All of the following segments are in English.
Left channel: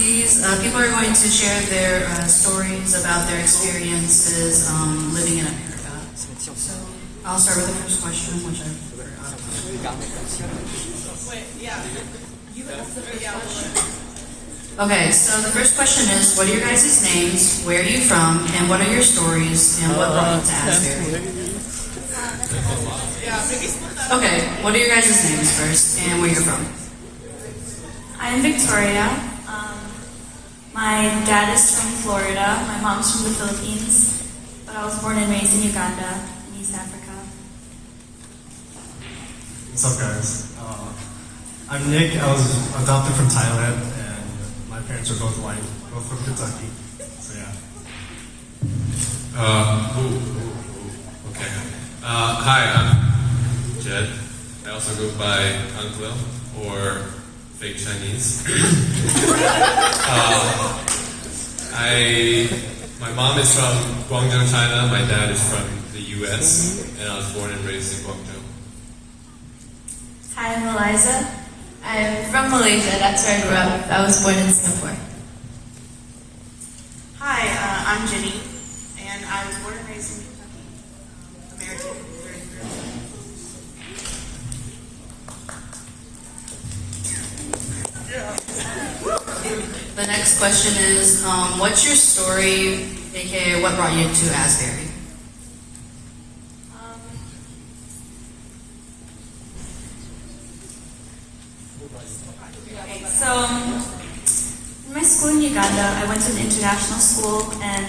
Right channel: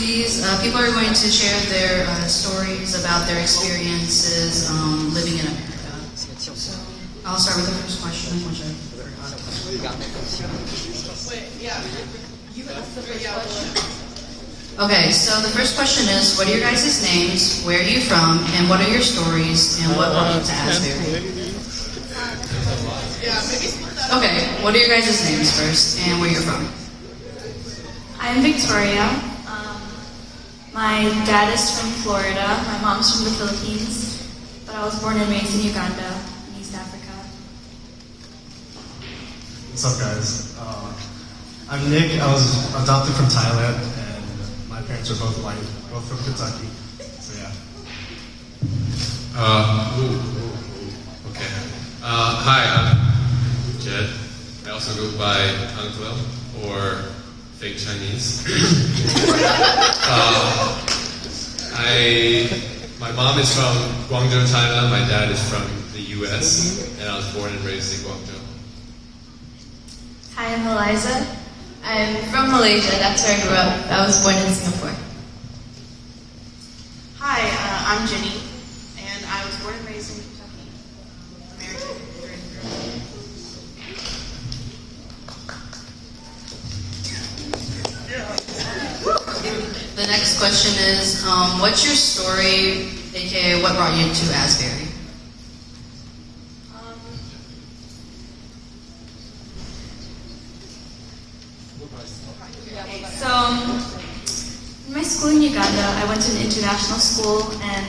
these, people are going to share their stories about their experiences living in America. So I'll start with the first question, which I forgot. Okay, so the first question is, what are your guys' names, where are you from, and what are your stories, and what brought you to Asbury? Okay, what are your guys' names first, and where you're from? I'm Victoria. My dad is from Florida. My mom's from the Philippines. But I was born and raised in Uganda, in East Africa. What's up, guys? I'm Nick. I was adopted from Thailand, and my parents are both white, both from Kentucky. So yeah. Okay. Hi, I'm Jed. I also go by Anatwell, or fake Chinese. My mom is from Guangzhou, China. My dad is from the U.S., and I was born and raised in Guangzhou. Hi, I'm Eliza. I'm from Malaysia. That's where I grew up. I was born in Singapore. Hi, I'm Jenny, and I was born and raised in Kentucky, American. The next question is, what's your story, aka what brought you to Asbury? So, in my school in Uganda, I went to an international school, and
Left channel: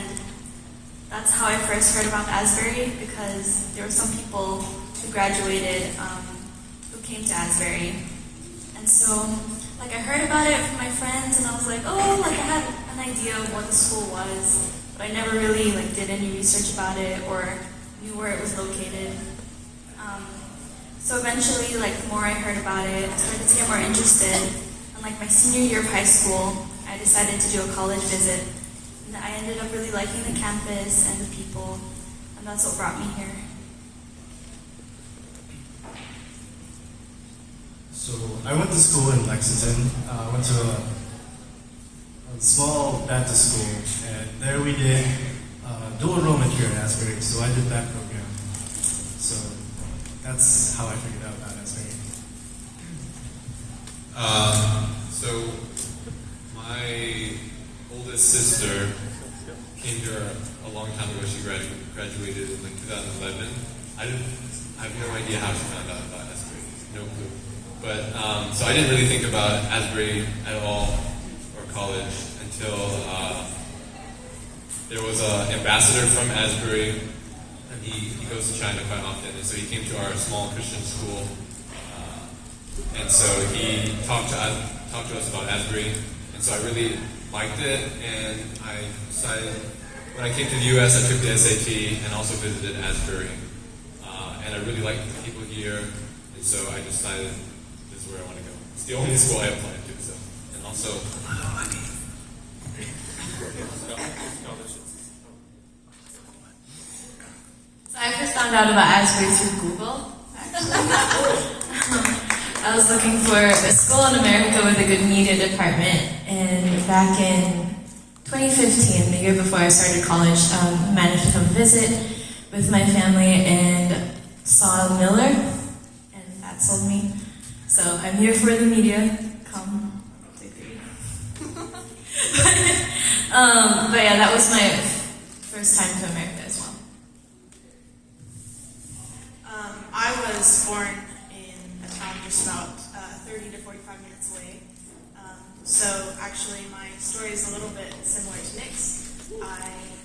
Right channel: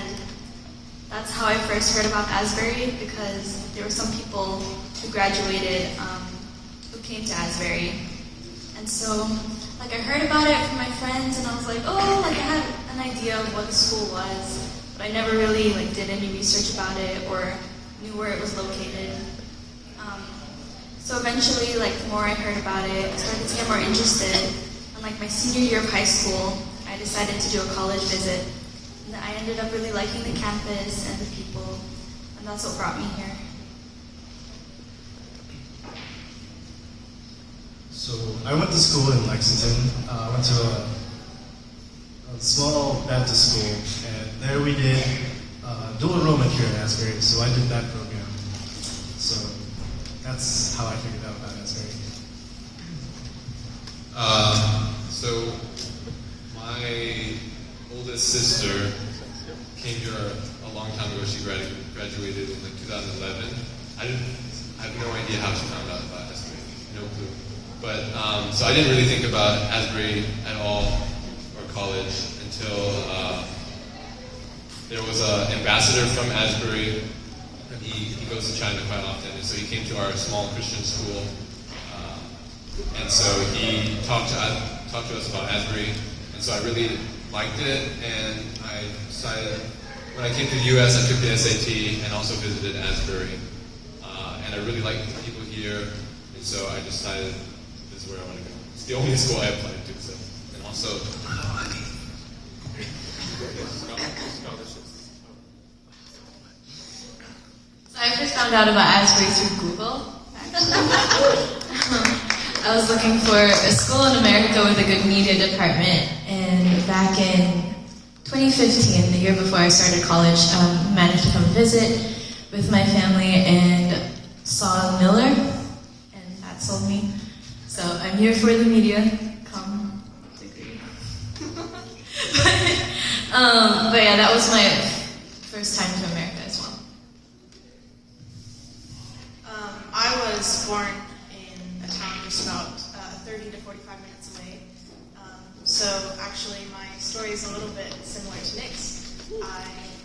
that's how I first heard about Asbury, because there were some people who graduated who came to Asbury. And so, I heard about it from my friends, and I was like, oh, I had an idea of what the school was, but I never really did any research about it or knew where it was located. So eventually, the more I heard about it, I started to get more interested. And my senior year of high school, I decided to do a college visit. And I ended up really liking the campus and the people, and that's what brought me here. So I went to school in Lexington. I went to a small Baptist school, and there we did dual enrollment here at Asbury, so I did that program. So that's how I figured out about Asbury. So my oldest sister came here a long time ago. She graduated in 2011. I have no idea how she found out about Asbury. No clue. But so I didn't really think about Asbury at all, or college, until there was an ambassador from Asbury, and he goes to China quite often, and so he came to our small Christian school, and so he talked to us about Asbury, and so I really liked it, and I decided, when I came to the U.S., I took the SAT and also visited Asbury, and I really liked the people here, and so I decided this is where I want to go. It's the only school I applied to, so, and also scholarships. So I first found out about Asbury through Google, actually. I was looking for a school in America with a good media department, and back in 2015, the year before I started college, managed to come visit with my family and saw Miller, and that sold me. So I'm here for the media. Come. But yeah, that was my first time to America as well. I was born in a town just about 30 to 45 minutes away. So actually my story is a little bit similar to Nick's.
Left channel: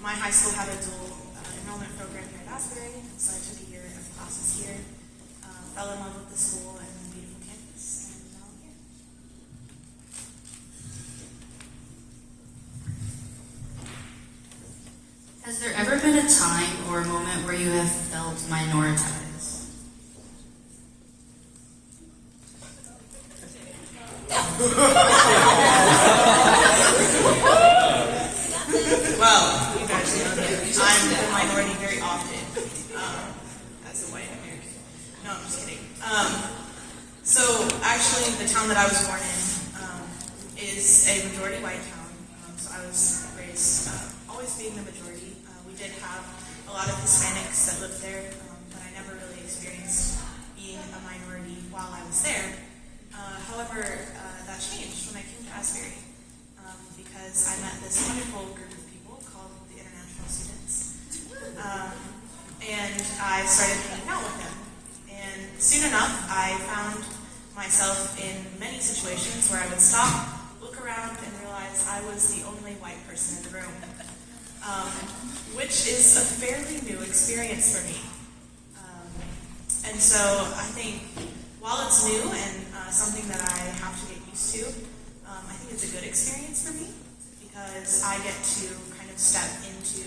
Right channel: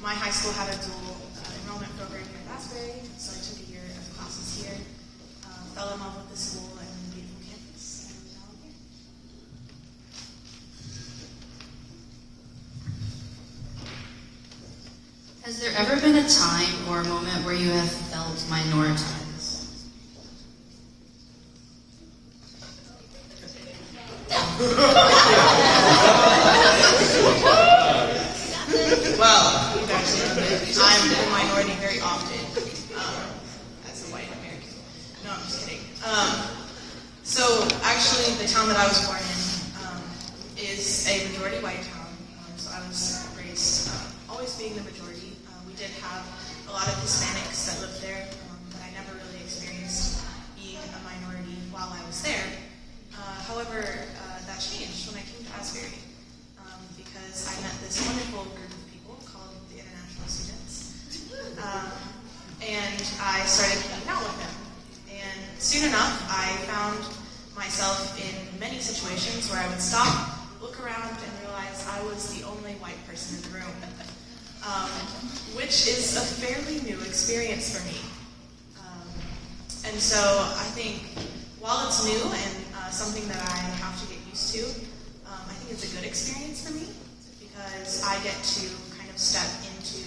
My high school had a dual enrollment program here at Asbury, so I took a year of classes here, fell in love with the school and the beautiful campus, and now I'm here. Has there ever been a time or a moment where you have felt minoritized? Well, you guys know that I'm in a minority very often as a white American. No, I'm just kidding. So actually, the town that I was born in is a majority white town, so I was raised always being the majority. We did have a lot of Hispanics that lived there, but I never really experienced being a minority while I was there. However, that changed when I came to Asbury because I met this wonderful group of people called the International Students. And I started hanging out with them. And soon enough, I found myself in many situations where I would stop, look around, and realize I was the only white person in the room, which is a fairly new experience for me. And so I think while it's new and something that I have to get used to, I think it's a good experience for me because I get to kind of step into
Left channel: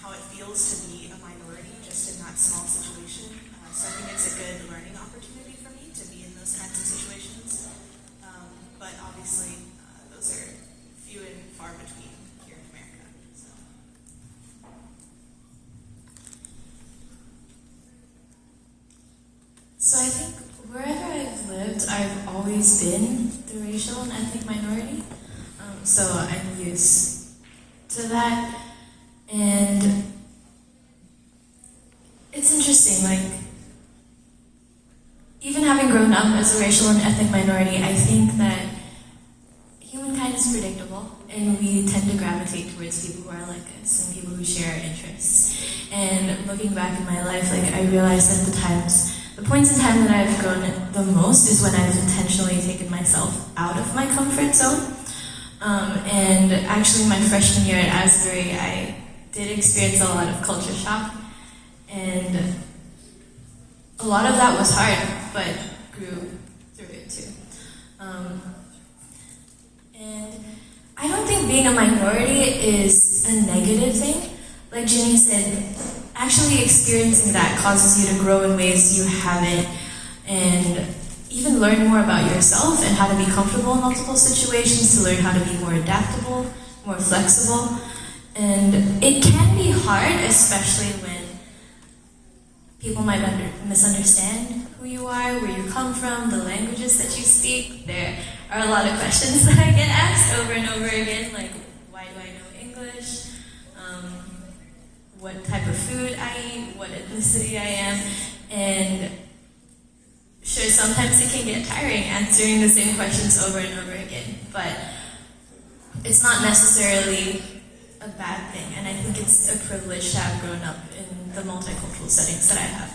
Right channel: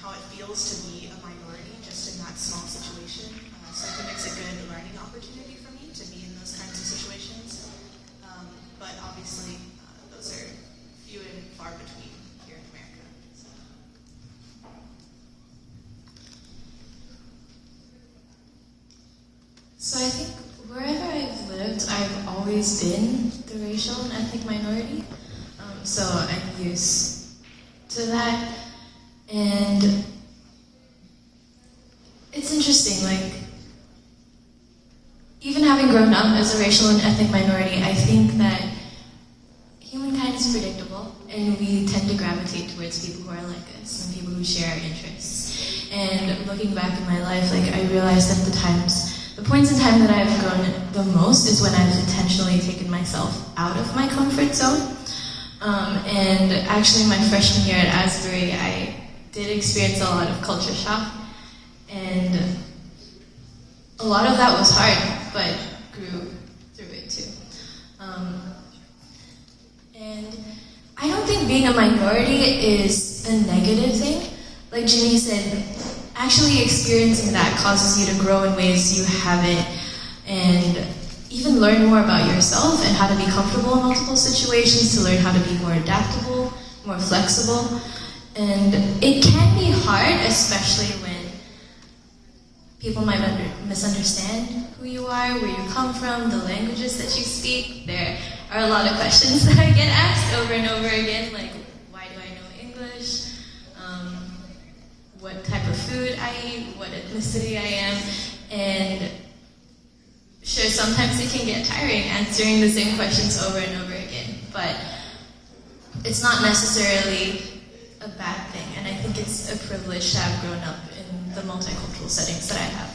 how it feels to be a minority just in that small situation. So I think it's a good learning opportunity for me to be in those kinds of situations. But obviously, those are few and far between here in America. So I think wherever I've lived, I've always been the racial and ethnic minority. So I'm used to that. And it's interesting, like, even having grown up as a racial and ethnic minority, I think that humankind is predictable, and we tend to gravitate towards people who are like us and people who share our interests. And looking back in my life, like, I realized that the points in time that I've grown the most is when I've intentionally taken myself out of my comfort zone. And actually, my freshman year at Asbury, I did experience a lot of culture shock, and a lot of that was hard, but grew through it too. And I don't think being a minority is a negative thing. Like Jimmy said, actually experiencing that causes you to grow in ways you haven't, and even learn more about yourself and how to be comfortable in multiple situations, to learn how to be more adaptable, more flexible. And it can be hard, especially when people might misunderstand who you are, where you come from, the languages that you speak. There are a lot of questions that I get asked over and over again, like, why do I know English? What type of food I eat, what ethnicity I am. And sure, sometimes it can get tiring answering the same questions over and over again, but it's not necessarily a bad thing, and I think it's a privilege to have grown up in the multicultural settings that I have.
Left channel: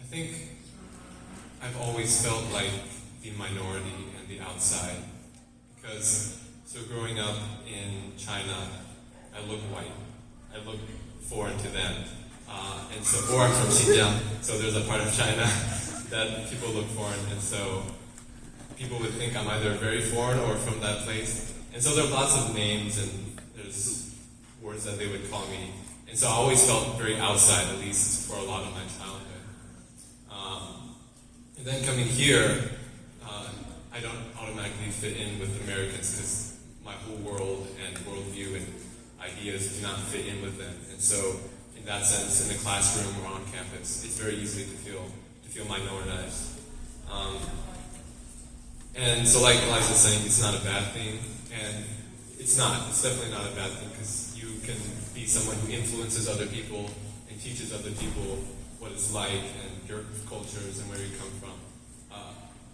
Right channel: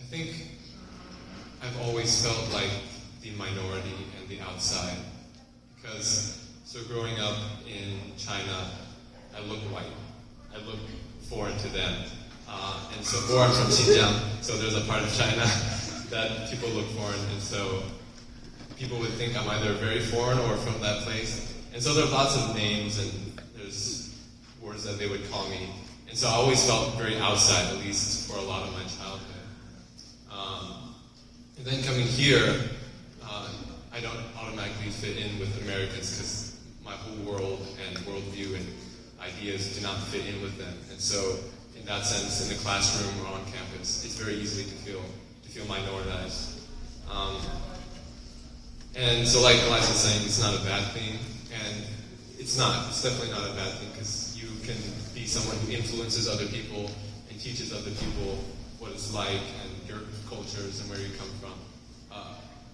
I think I've always felt like the minority and the outside, because so growing up in China, I look white. I look foreign to them. And so, or I'm from Xinjiang, so there's a part of China that people look foreign, and so people would think I'm either very foreign or from that place. And so there are lots of names and there's words that they would call me. And so I always felt very outside, at least for a lot of my childhood. And then coming here, I don't automatically fit in with Americans because my whole world and worldview and ideas do not fit in with them. And so in that sense, in the classroom or on campus, it's very easy to feel minoritized. And so like Eliza was saying, it's not a bad thing, and it's definitely not a bad thing, because you can be someone who influences other people and teaches other people what it's like and your cultures and where you come from.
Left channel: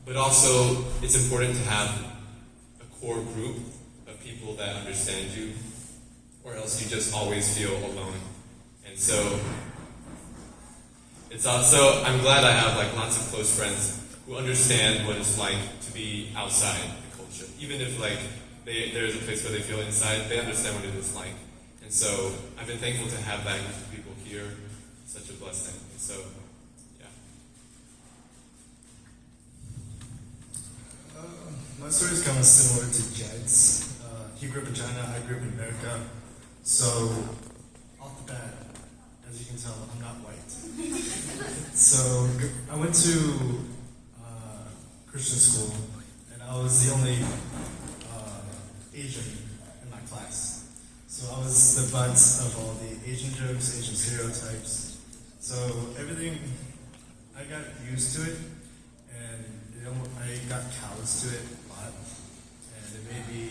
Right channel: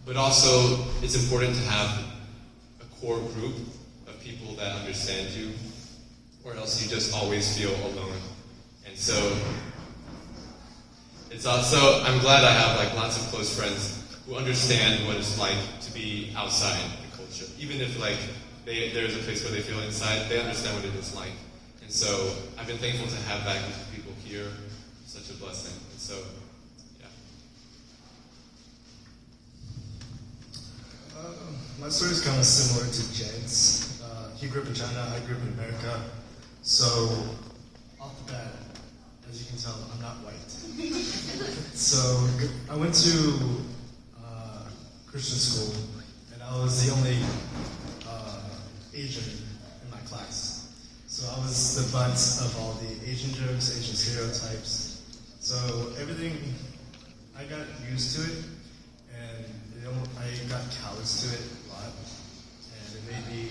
But also, it's important to have a core group of people that understand you, or else you just always feel alone. And so, it's also, I'm glad I have like lots of close friends who understand what it's like to be outside the culture. Even if like there's a place where they feel inside, they understand what it is like. And so I've been thankful to have that group of people here. Such a blessing. And so, yeah. My story is kind of similar to Jed's. He grew up in China, I grew up in America. So, off the bat, as you can tell, I'm not white. So, I went to Christian school, and I was the only Asian in my class. So I was the butt of all the Asian jokes, Asian stereotypes. So everything, I got used to it, and I got callous to it a lot, and it made me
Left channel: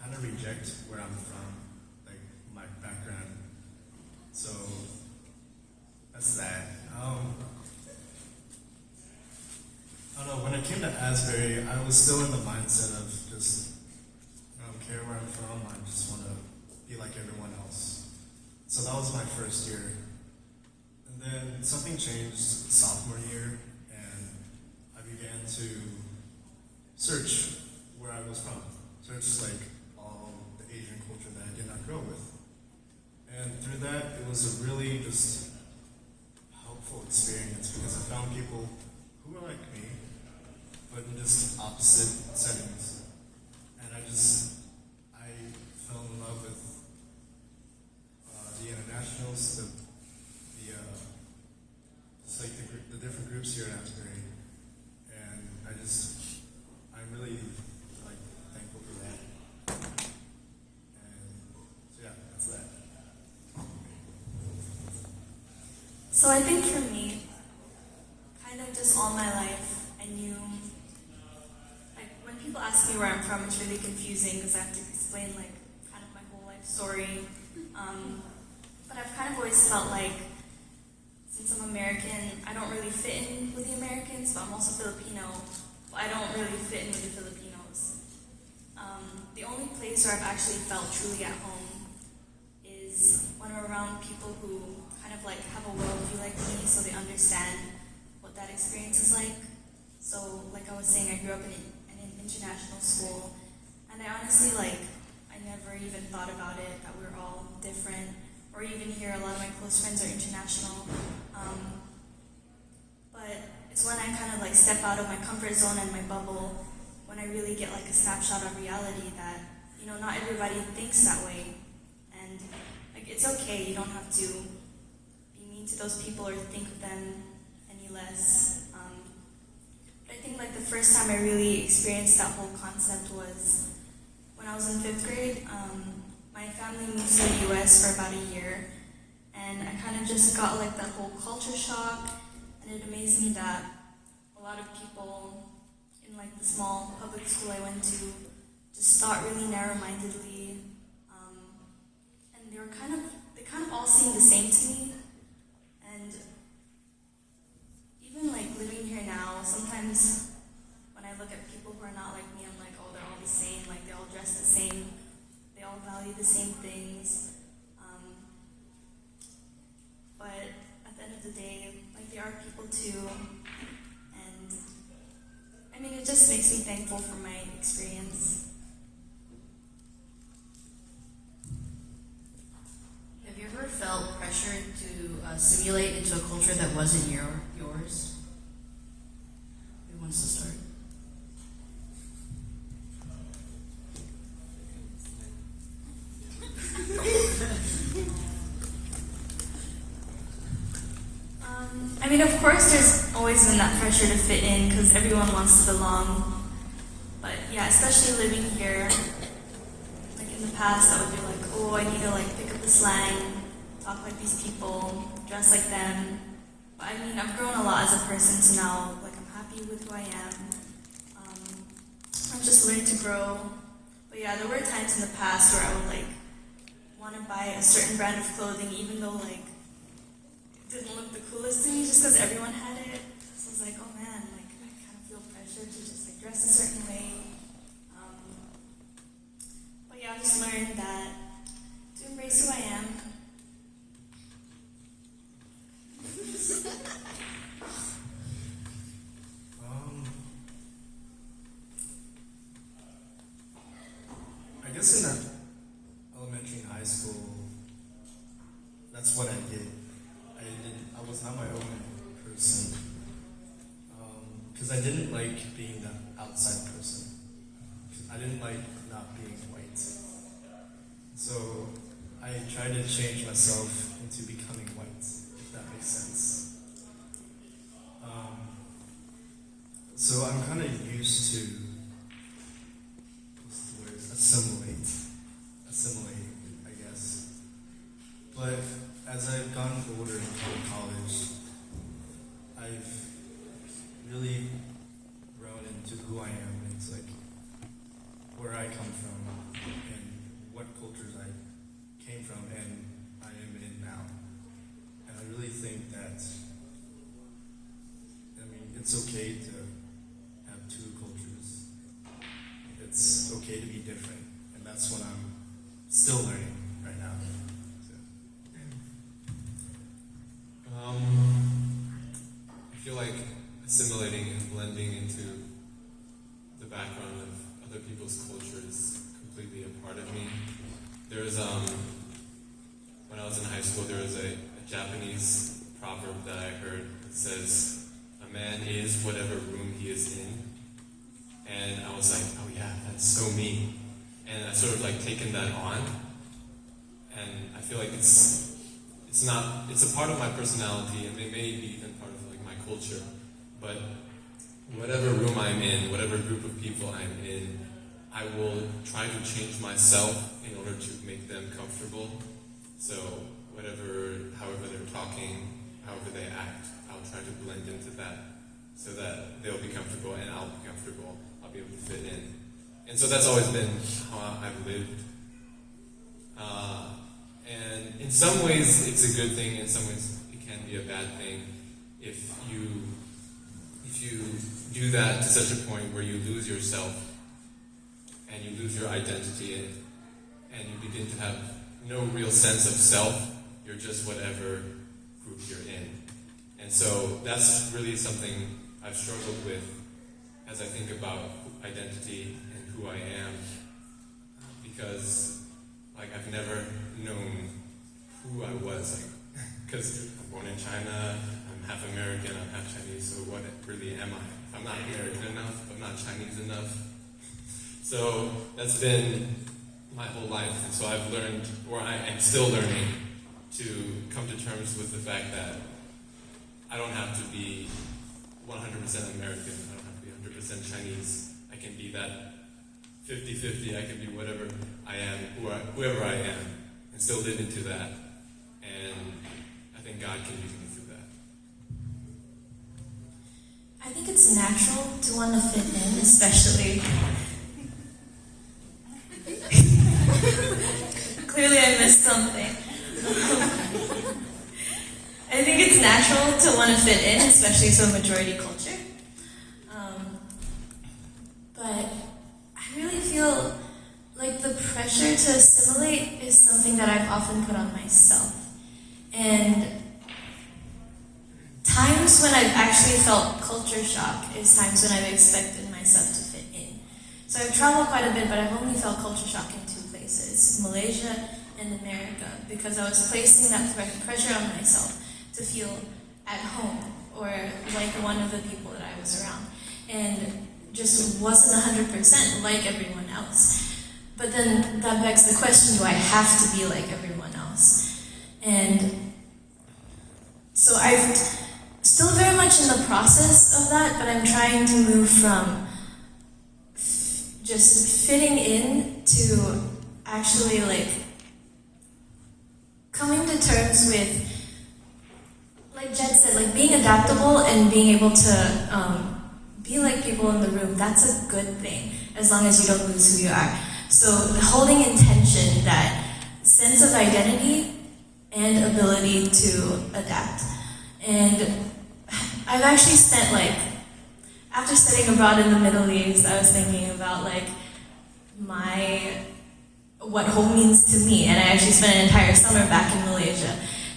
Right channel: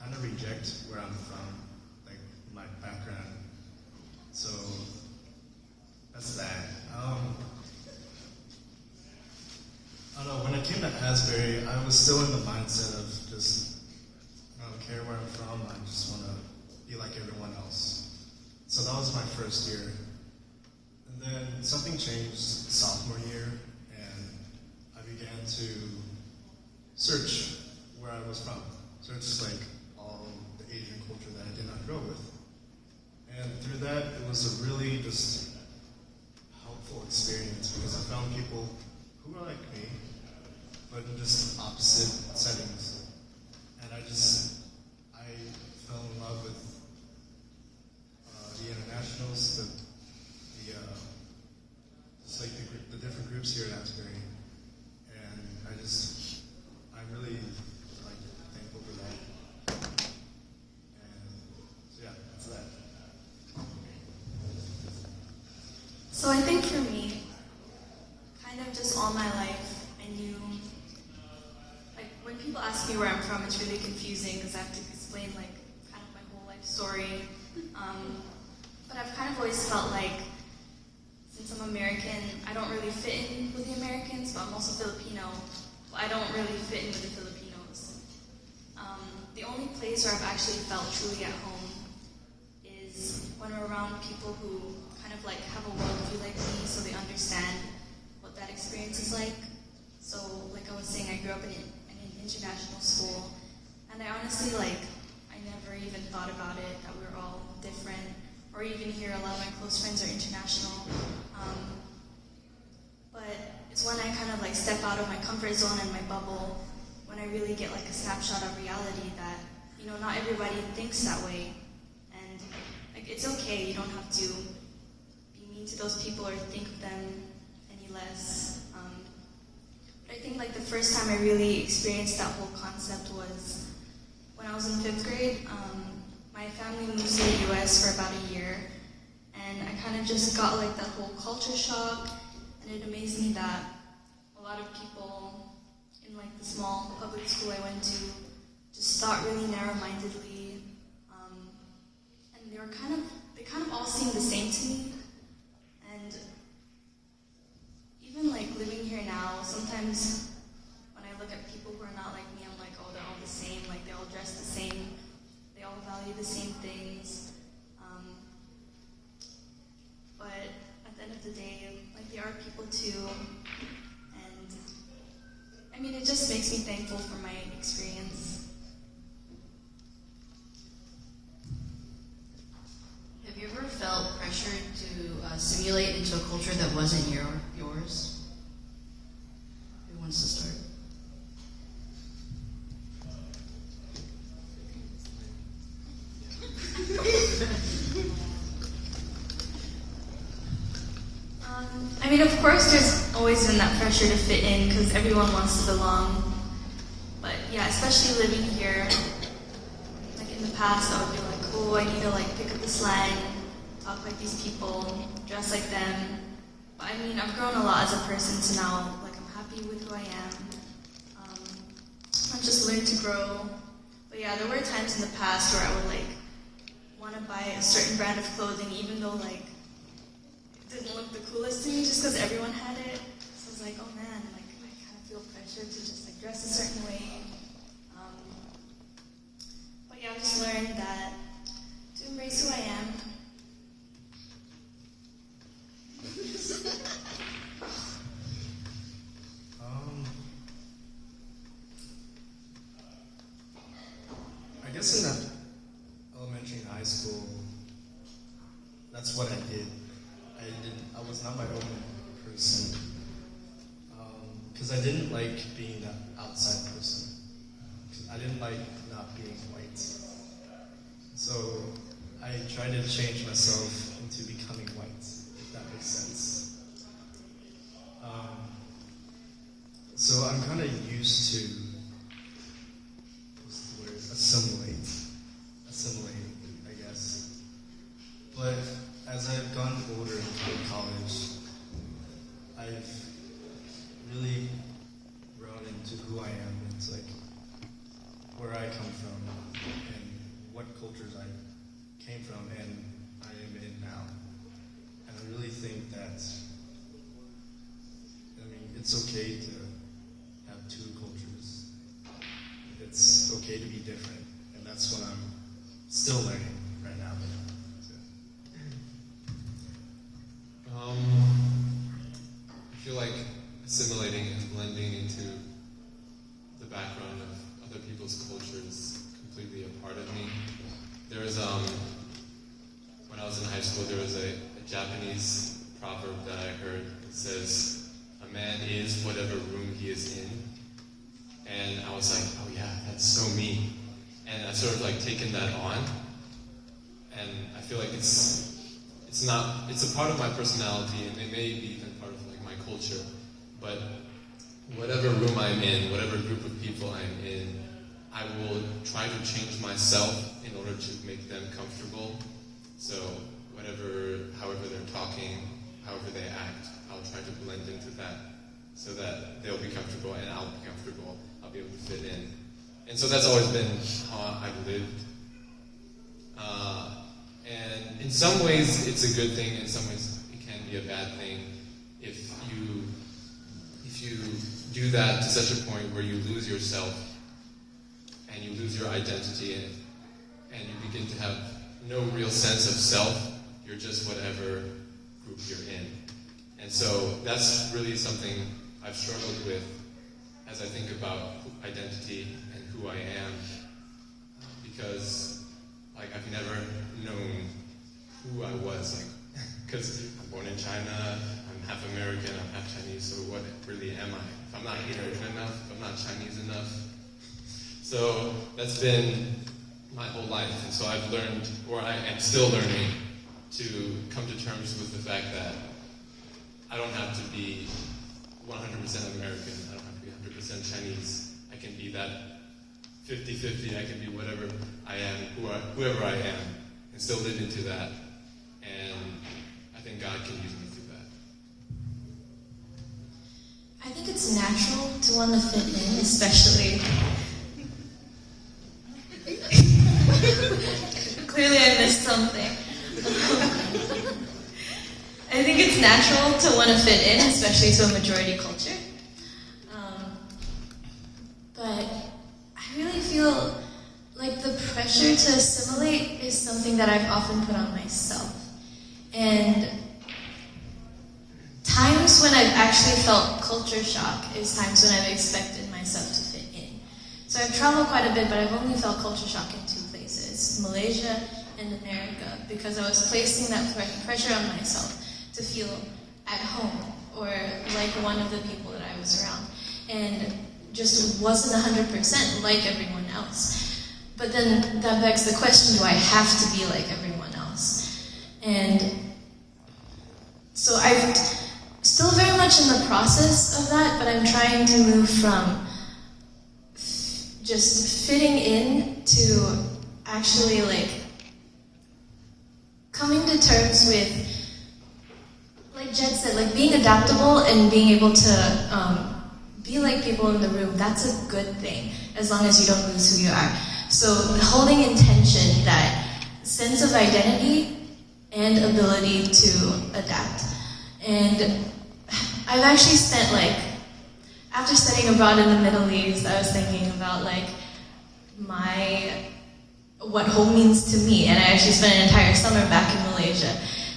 kind of reject where I'm from, like my background. So that's that. I don't know, when I came to Asbury, I was still in the mindset of just, I don't care where I'm from, I just want to be like everyone else. So that was my first year. And then something changed sophomore year, and I began to search where I was from. Search like all the Asian culture that I did not grow with. And through that, it was a really just helpful experience because I found people who were like me, but in just opposite settings. And I fell in love with the internationals, just like the different groups here at Asbury. And I'm really like thankful for that. And so yeah, that's that. So I think for me, kind of just all my life, I knew, like when people ask me where I'm from, it's really confusing because I have to explain like kind of my whole life story. But I've kind of always felt like since I'm American, I don't really fit in with the Americans, but I'm also Filipino. But I don't really fit in with the Filipinos. The only place where I've actually felt truly at home is when we're around people who kind of like have a worldview like me, so they understand what that experience is like. So, like I was saying, I grew up in an international school, and I honestly I never even thought about it that we're all different, or even here a lot of my close friends are international. But it's when I kind of like step out of my comfort zone and my bubble, when I really get like a snapshot of reality that not everybody thinks that way, and like it's okay. You don't have to be mean to those people or think of them any less. I think like the first time I really experienced that whole concept was when I was in 5th grade. My family moved to the U.S. for about a year, and I kind of just got like that whole culture shock, and it amazed me that a lot of people in like the small public school I went to just thought really narrow-mindedly, and they kind of all seemed the same to me, and even like living here now, sometimes when I look at people who are not like me, I'm like, oh, they're all the same, like they all dress the same, they all value the same things, but at the end of the day, like they are people too, and I mean, it just makes me thankful for my experience. Have you ever felt pressure to assimilate into a culture that wasn't yours? Who wants to start? I mean, of course, there's always been that pressure to fit in because everyone wants to belong. But yeah, especially living here, like in the past, I would be like, oh, I need to like pick up the slang, talk like these people, dress like them. But I mean, I've grown a lot as a person, so now like I'm happy with who I am. I've just learned to grow. But yeah, there were times in the past where I would like want to buy a certain brand of clothing, even though like it didn't look the coolest to me, just because everyone had it. So I was like, oh man, like I kind of feel pressure to just like dress a certain way. But yeah, I just learned that to embrace who I am. I guess in elementary and high school, that's what I did. I was not my own person because I didn't like being that outside person. I didn't like not being white. So I tried to change myself into becoming white, if that makes sense. So I'm kind of used to assimilating, I guess. But as I've gotten older and gone to college, I've really who I am. It's like where I come from and what cultures I came from and I am in now. And I really think that, it's okay to have two cultures. It's okay to be different, and that's what I'm still learning right now. I feel like assimilating and blending into the background of other people's culture is completely a part of me. There's when I was in high school, there was a Japanese proverb that I heard. It says, "A man is whatever room he is in." And I was like, oh yeah, that's so me. And I sort of like taken that on. And I feel like it's a part of my personality, and it may be even part of like my culture. But whatever room I'm in, whatever group of people I'm in, I will try to change myself in order to make them comfortable. So however they're talking, however they act, I'll try to blend into that so that they'll be comfortable and I'll be comfortable. I'll be able to fit in. And so that's always been how I've lived. And in some ways it's a good thing, in some ways it can be a bad thing if you do that to such a point where you lose yourself and you lose your identity and you begin to have no real sense of self. You're just whatever group you're in. And so that's really something I've struggled with as I think about identity and who I am, because like I've never known who I was, like, because I'm born in China, I'm half American, I'm half Chinese, so what really am I? If I'm not American enough, if I'm not Chinese enough. So that's been my whole life, and so I've learned, or I am still learning, to come to terms with the fact that I don't have to be 100% American, I don't have to be 100% Chinese. I can be that 50-50, I can be whatever I am, whoever I am, and still live into that. And I think God can use me through that. I think it's natural to want to fit in, especially. Clearly, I missed something. I think it's natural to want to fit in, especially to a majority culture. But I really feel like the pressure to assimilate is something that I've often put on myself. And times when I've actually felt culture shock is times when I've expected myself to fit in. So I've traveled quite a bit, but I've only felt culture shock in two places, Malaysia and America, because I was placing that pressure on myself to feel at home or like one of the people that I was around. And just wasn't 100% like everyone else. But then that begs the question, do I have to be like everyone else? And so I'm still very much in the process of that, but I'm trying to move from just fitting in to actually like coming to terms with, like Jed said, like being adaptable and being able to be like people in the room. That's a good thing, as long as you don't lose who you are. So holding in tension that sense of identity and ability to adapt. And I've actually spent after studying abroad in the Middle East, I was thinking about what home means to me. And I actually spent an entire summer back in Malaysia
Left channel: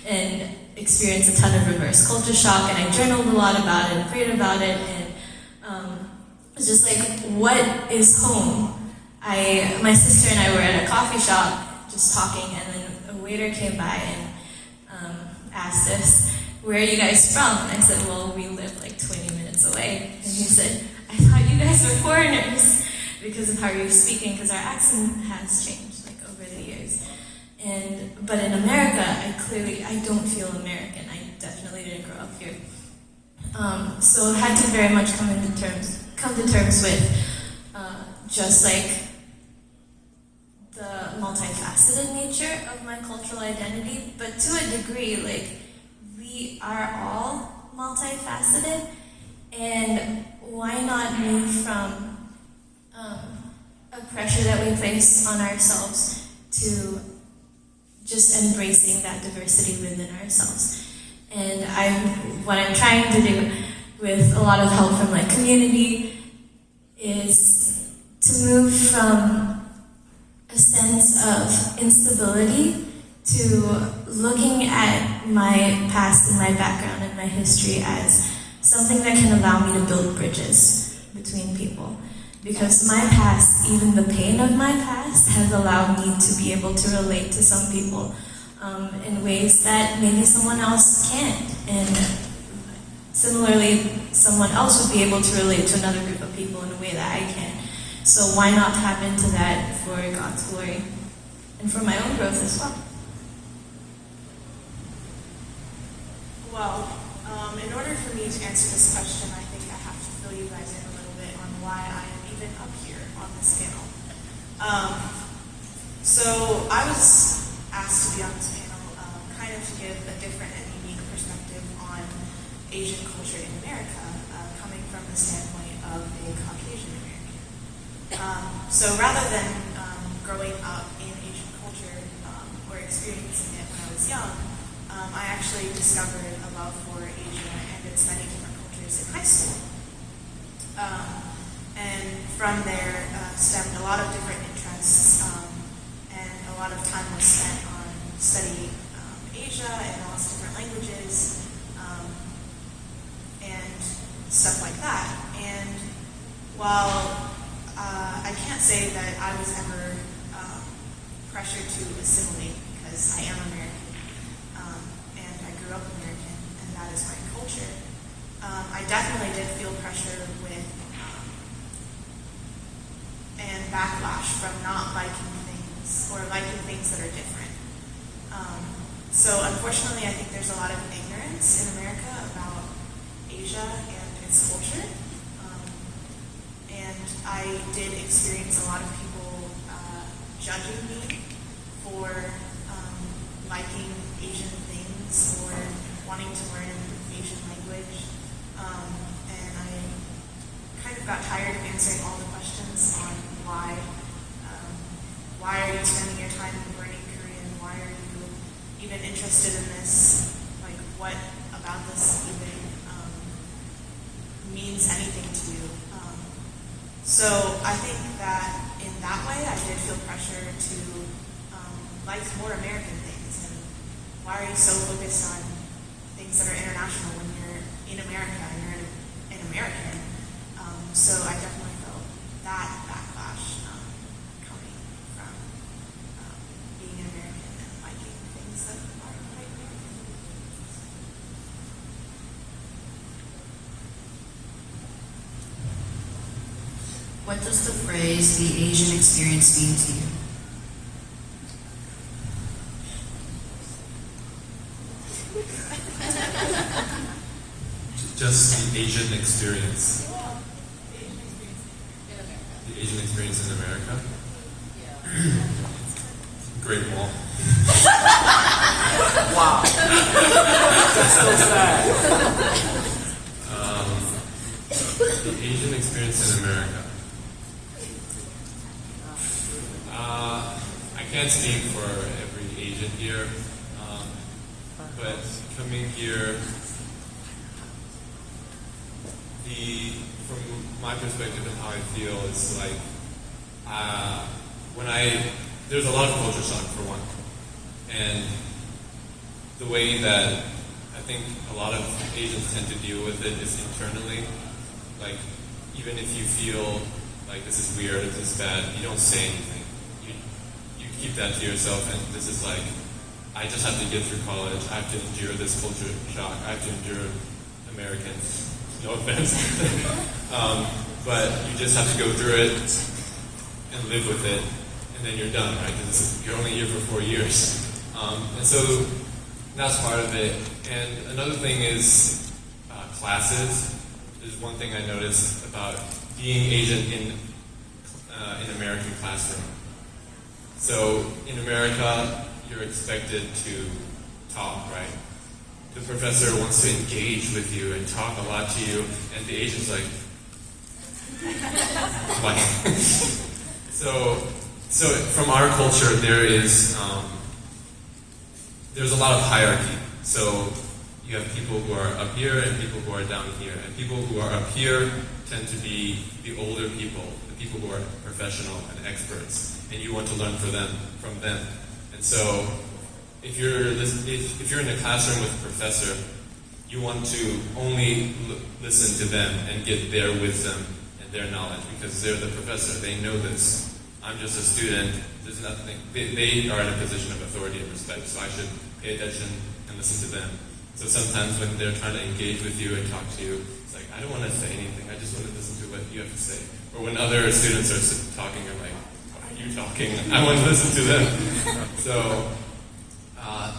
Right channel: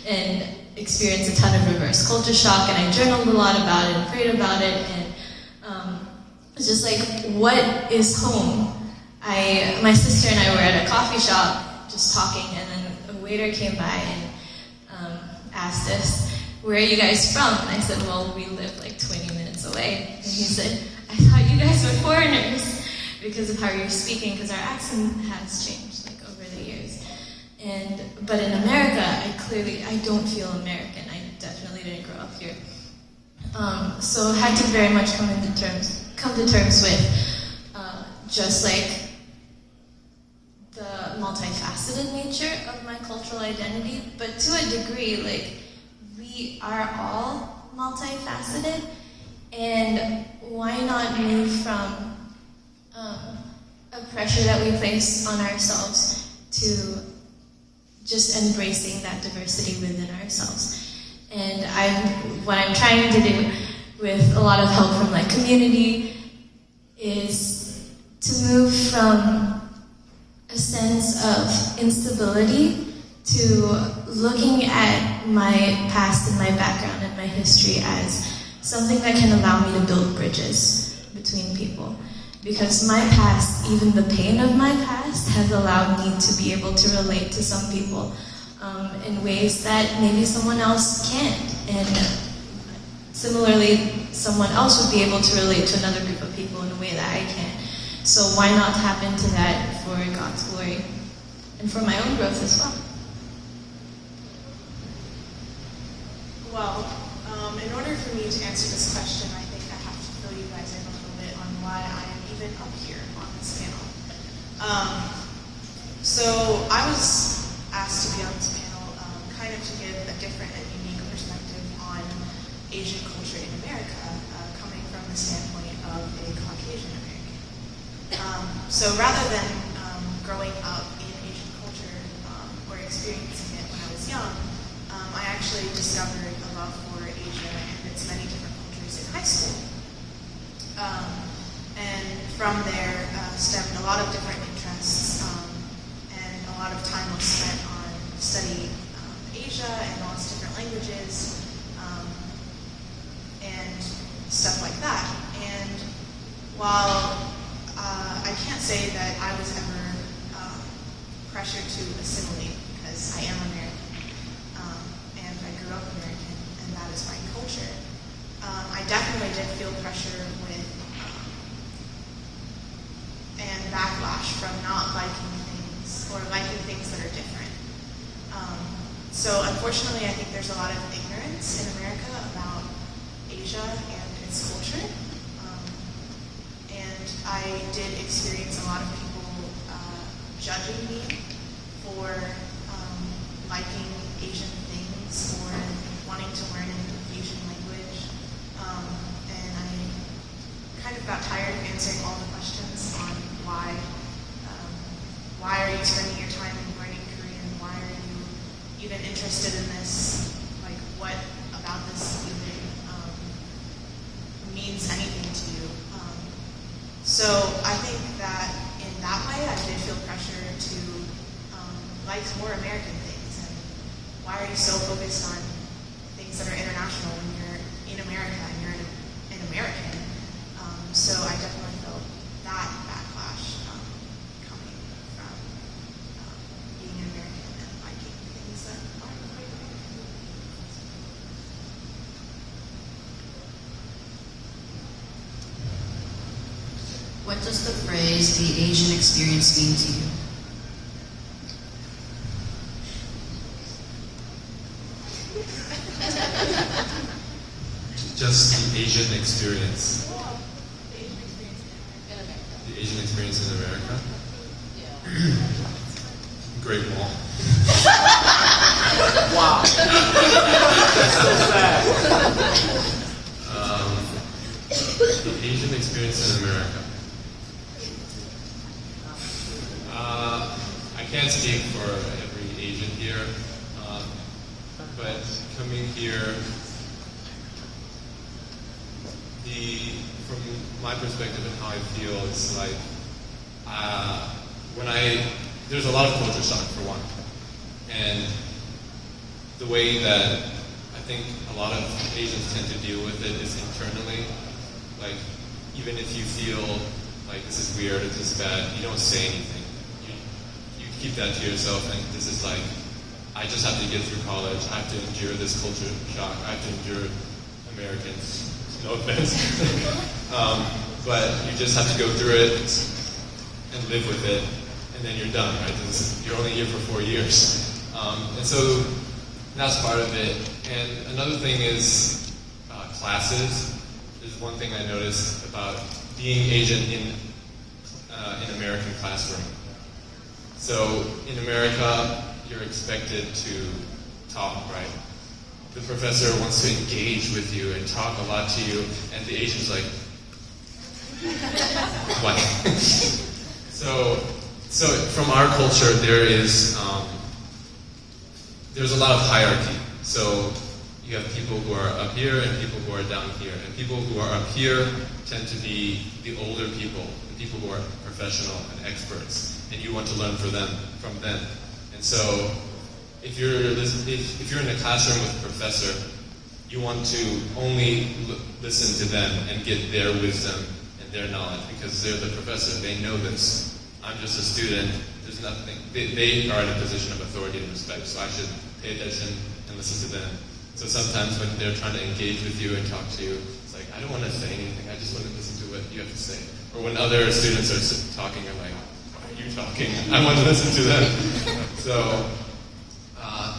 and experienced a ton of reverse culture shock, and I journaled a lot about it and prayed about it, and it's just what is home? My sister and I were at a coffee shop just talking, and then a waiter came by and asked us, "Where are you guys from?" And I said, "Well, we live 20 minutes away." And he said, "I thought you guys were foreigners because of how you're speaking, because our accent has changed over the years." But in America, I don't feel American. I definitely didn't grow up here. So I had to very much come to terms with just the multifaceted nature of my cultural identity. But to a degree, we are all multifaceted. And why not move from a pressure that we place on ourselves to just embracing that diversity within ourselves? And what I'm trying to do with a lot of help from like community is to move from a sense of instability to looking at my past and my background and my history as something that can allow me to build bridges between people. Because my past, even the pain of my past, has allowed me to be able to relate to some people in ways that maybe someone else can't. And similarly, someone else would be able to relate to another group of people in a way that I can't. So why not tap into that for God's glory and for my own growth as well? Well, in order for me to answer this question, I think I have to fill you guys in a little bit on why I'm even up here on this panel. So I was asked to be on this panel kind of to give a different and unique perspective on Asian culture in America, coming from the standpoint of a Caucasian American. So rather than growing up in Asian culture or experiencing it when I was young, I actually discovered a love for Asia and its many different cultures in high school. And from there stemmed a lot of different interests, and a lot of time was spent on studying Asia and lots of different languages, and stuff like that. And while I can't say that I was ever pressured to assimilate, because I am American, and I grew up American, and that is my culture, I definitely did feel pressure with and backlash from not liking things or liking things that are different. So unfortunately, I think there's a lot of ignorance in America about Asia and its culture. And I did experience a lot of people judging me for liking Asian things or wanting to learn an Asian language. And I kind of got tired of answering all the questions on why are you spending your time learning Korean? Why are you even interested in this? Like, what about this even means anything to you? So I think that in that way, I did feel pressure to like more American things. And why are you so focused on things that are international when you're in America and you're an American? So I definitely felt that backlash coming from being an American and liking things that aren't American. What does the phrase "the Asian experience" mean to you? Just the Asian experience. The Asian experience in America. Great Wall. Wow. That's so sad. The Asian experience in America. I can't speak for every Asian here, but coming here, from my perspective and how I feel, it's like there's a lot of culture shock for one, and the way that I think a lot of Asians tend to deal with it is internally. Like, even if you feel like this is weird, this is bad, you don't say anything. You keep that to yourself, and this is like, I just have to get through college. I have to endure this culture shock. I have to endure Americans. No offense. But you just have to go through it and live with it, and then you're done, right? Because you're only here for 4 years. And so that's part of it. And another thing is classes is one thing I noticed about being Asian in an American classroom. So in America, you're expected to talk, right? The professor wants to engage with you and talk a lot to you, and the Asian's like, Why? So from our culture, there's a lot of hierarchy. So you have people who are up here and people who are down here. And people who are up here tend to be the older people, the people who are professional and experts, and you want to learn from them. And so if you're in a classroom with a professor, you want to only listen to them and get their wisdom and their knowledge because they're the professor. They know this. I'm just a student. There's nothing. They are in a position of authority and respect, so I should pay attention and listen to them. So sometimes when they're trying to engage with you and talk to you, it's like, I don't want to say anything. I just want to listen to what you have to say. Or when other students are talking, I'm like, why are you talking? I want to listen to them. So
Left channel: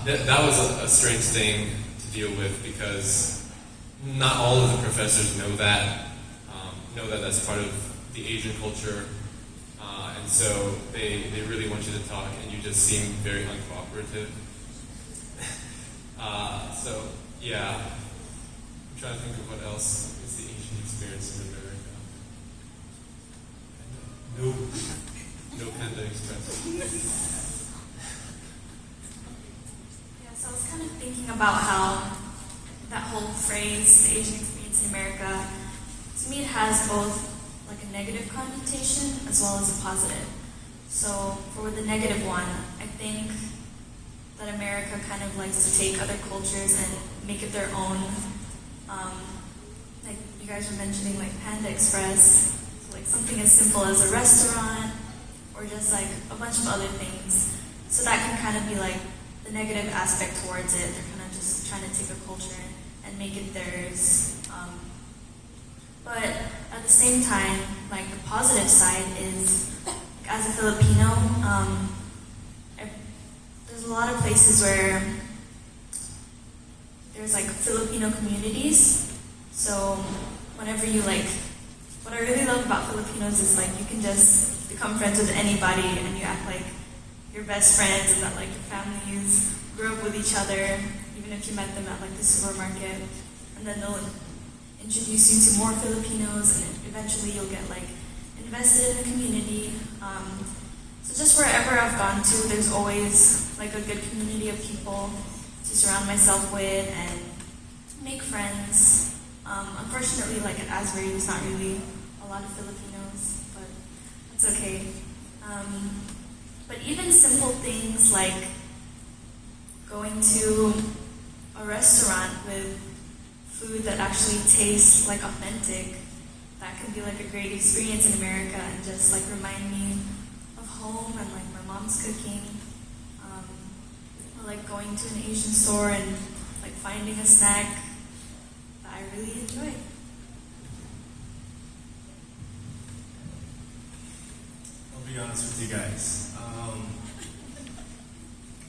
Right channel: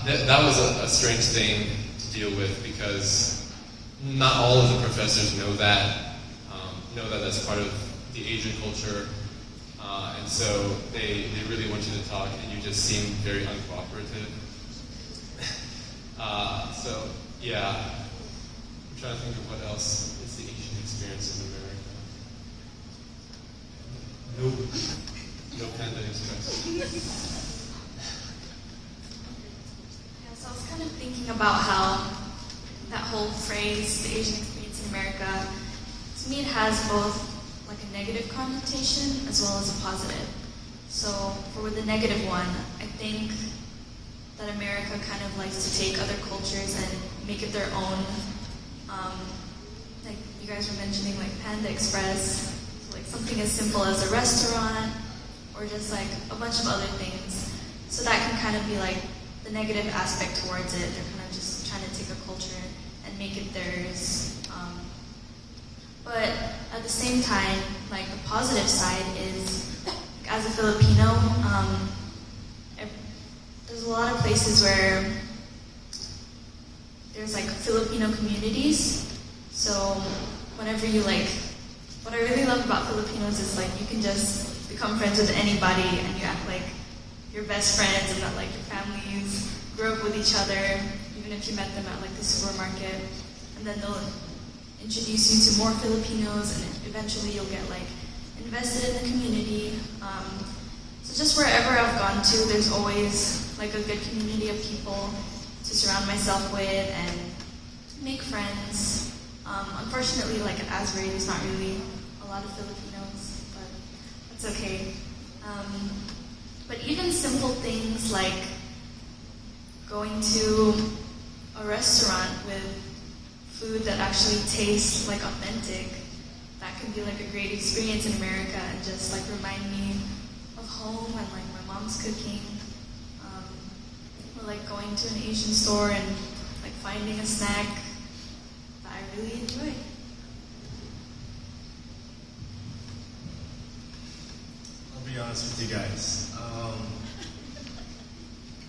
that was a strange thing to deal with because not all of the professors know that that's part of the Asian culture. And so they really want you to talk and you just seem very uncooperative. So yeah, I'm trying to think of what else is the Asian experience in America. No panda express. Yeah, so I was kind of thinking about how that whole phrase, the Asian experience in America, to me it has both like a negative connotation as well as a positive. So for the negative one, I think that America kind of likes to take other cultures and make it their own. Like you guys were mentioning, like Panda Express, so like something as simple as a restaurant, or just like a bunch of other things. So that can kind of be like the negative aspect towards it. They're kind of just trying to take a culture and make it theirs. But at the same time, like the positive side is, as a Filipino, there's a lot of places where there's like Filipino communities. So whenever you what I really love about Filipinos is like you can just become friends with anybody and you act like you're best friends and that like your families grew up with each other, even if you met them at like the supermarket, and then they'll introduce you to more Filipinos and eventually you'll get like invested in the community. So just wherever I've gone to, there's always like a good community of people to surround myself with and make friends. Unfortunately, like at Asbury, there's not really a lot of Filipinos, but it's okay. But even simple things like going to a restaurant with food that actually tastes like authentic, that can be like a great experience in America and just like remind me of home and like my mom's cooking. Or like going to an Asian store and like finding a snack that I really enjoy. I'll be honest with you guys.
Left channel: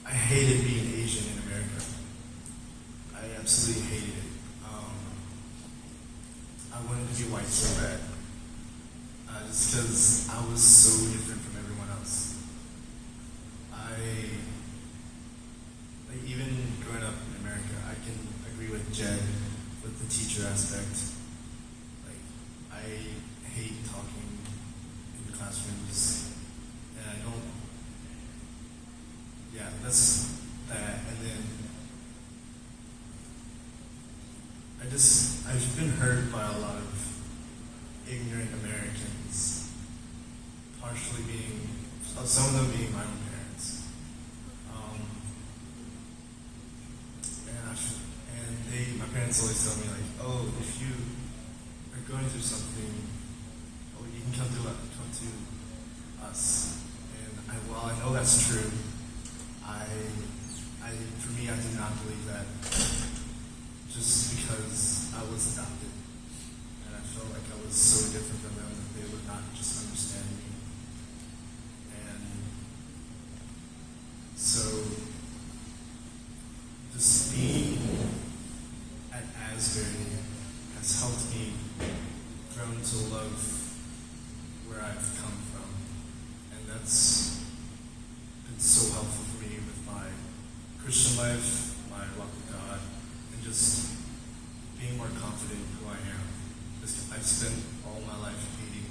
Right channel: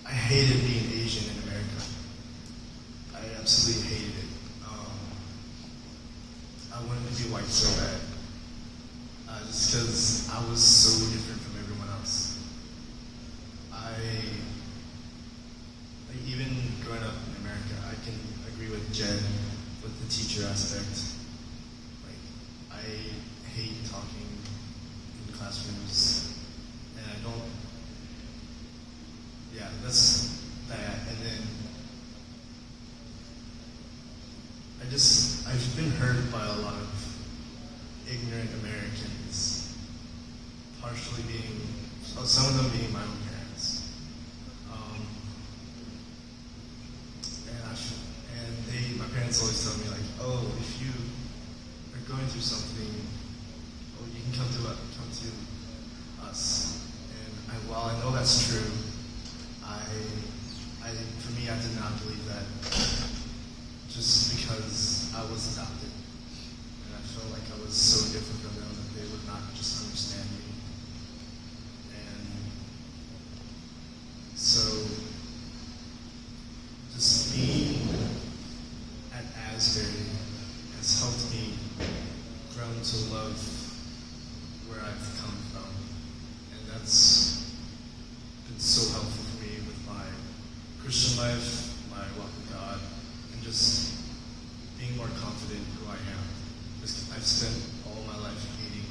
I hated being Asian in America. I absolutely hated it. I wanted to be white so bad. Just because I was so different from everyone else. Even growing up in America, I can agree with Jen with the teacher aspect. Like, I hate talking in the classrooms, and I don't. Yeah, that's that. And then I've been hurt by a lot of ignorant Americans, partially being, some of them being my own parents. My parents always tell me like, oh, if you are going through something, oh, you can come to us. And while I know that's true, for me, I did not believe that just because I was adopted. And I felt like I was so different from them that they would not just understand me. And so, just being at Asbury has helped me grow to love where I've come from. And that's been so helpful for me with my Christian life, my walk with God, and just being more confident in who I am. Because I've spent all my life hating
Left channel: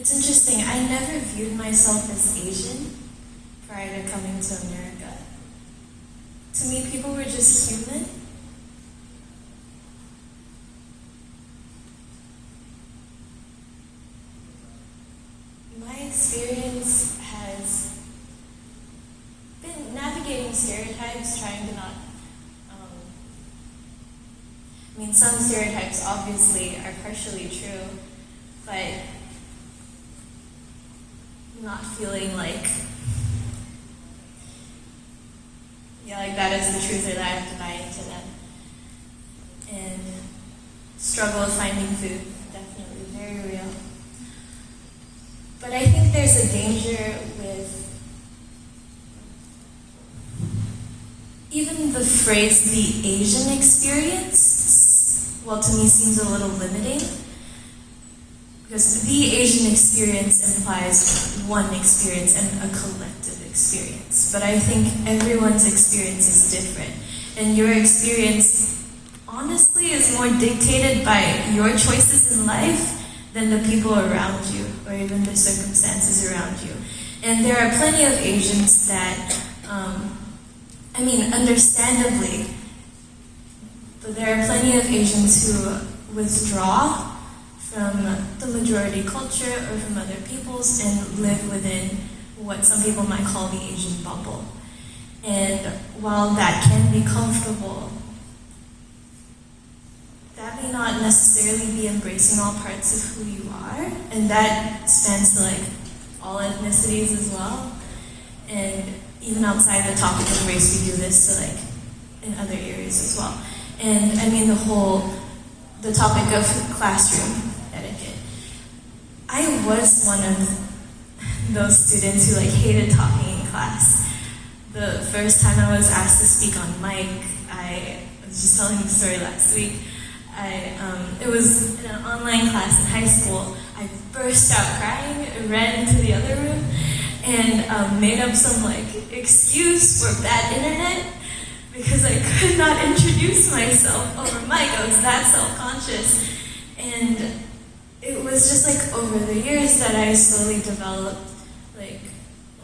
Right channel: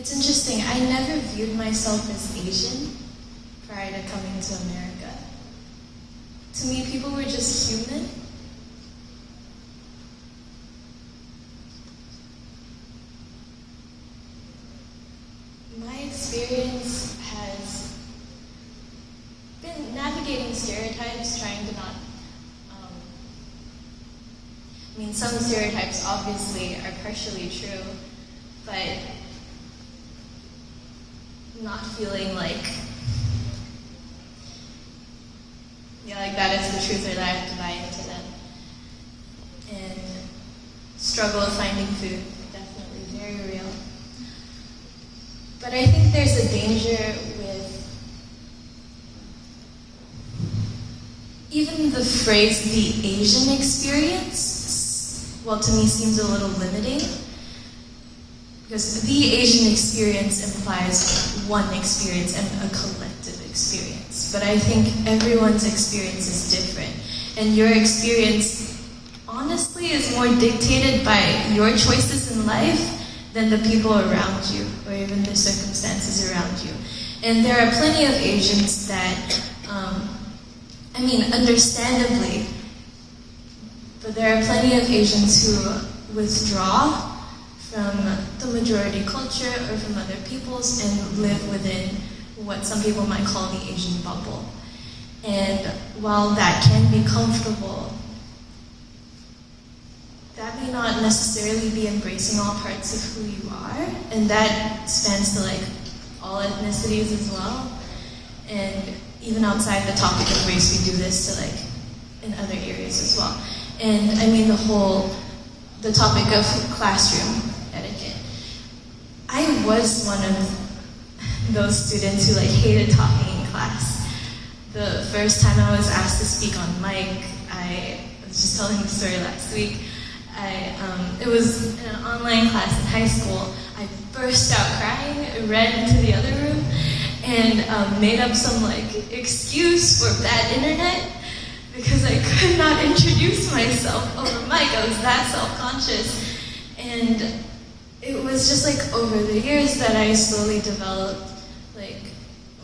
It's interesting. I never viewed myself as Asian prior to coming to America. To me, people were just human. My experience has been navigating stereotypes, trying to not. Some stereotypes obviously are partially true, but not feeling like, like that is the truth or that I have to buy into them. And struggle of finding food, definitely very real. But I think there's a danger with even the phrase the Asian experience, well, to me seems a little limiting. Because the Asian experience implies one experience and a collective experience. But I think everyone's experience is different. And your experience, honestly, is more dictated by your choices in life than the people around you, or even the circumstances around you. And there are plenty of Asians that, understandably, but there are plenty of Asians who withdraw from the majority culture or from other peoples and live within what some people might call the Asian bubble. And while that can be comfortable, that may not necessarily be embracing all parts of who you are, and that spans to all ethnicities as well. And even outside the topic of race, we do this to in other areas as well. And the topic of classroom etiquette. I was one of those students who hated talking in class. The first time I was asked to speak on mic, I was just telling the story last week. It was in an online class in high school. I burst out crying, ran into the other room, and made up some excuse for bad internet because I could not introduce myself over mic. I was that self-conscious. And it was just over the years that I slowly developed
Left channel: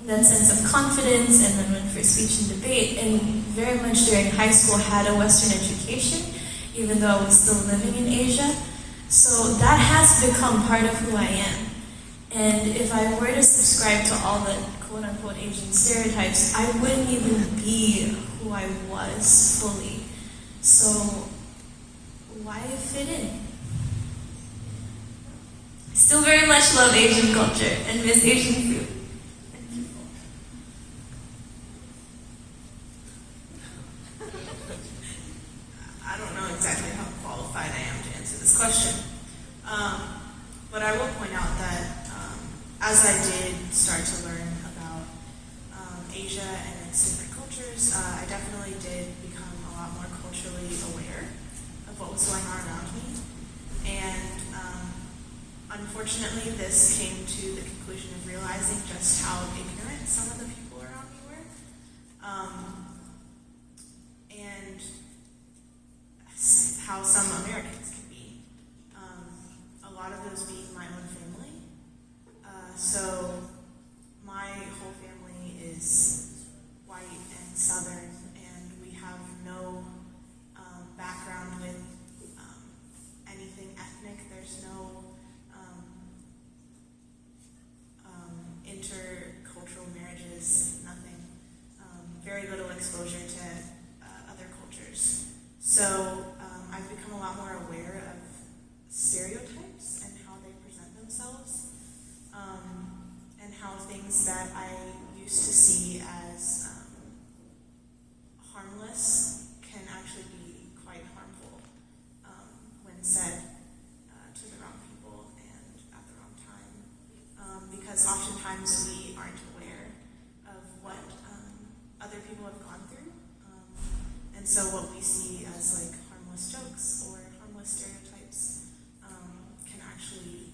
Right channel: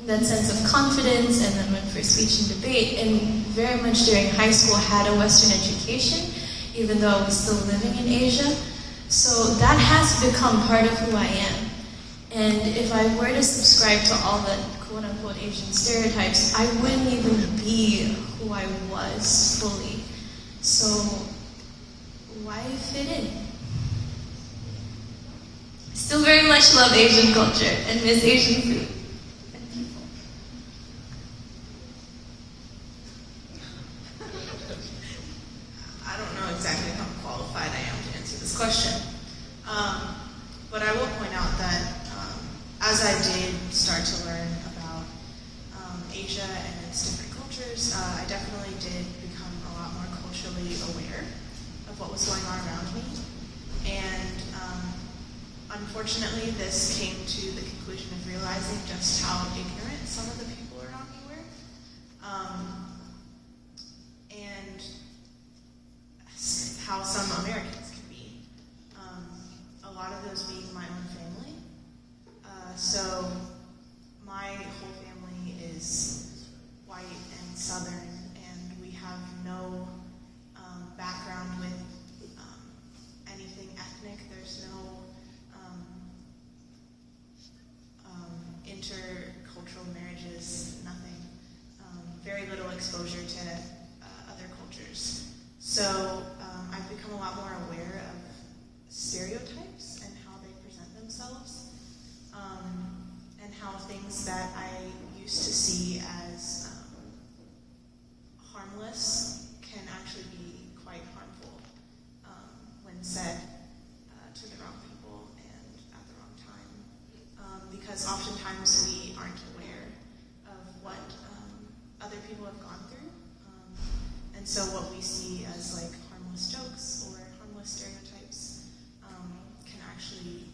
that sense of confidence, and then went for speech and debate, and very much during high school had a Western education, even though I was still living in Asia. So that has become part of who I am. And if I were to subscribe to all the quote-unquote Asian stereotypes, I wouldn't even be who I was fully. So why fit in? Still very much love Asian culture and miss Asian food and people. I don't know exactly how qualified I am to answer this question. But I will point out that as I did start to learn about Asia and its different cultures, I definitely did become a lot more culturally aware of what was going on around me. And unfortunately, this came to the conclusion of realizing just how ignorant some of the people around me were. And how some Americans can be. A lot of those being my own family. So my whole family is white and Southern, and we have no background with anything ethnic. There's no intercultural marriages, nothing. Very little exposure to other cultures. So I've become a lot more aware of stereotypes and how they present themselves, and how things that I used to see as harmless can actually be quite harmful when said to the wrong people and at the wrong time. Because oftentimes we aren't aware of what other people have gone through. And so what we see as harmless jokes or harmless stereotypes can actually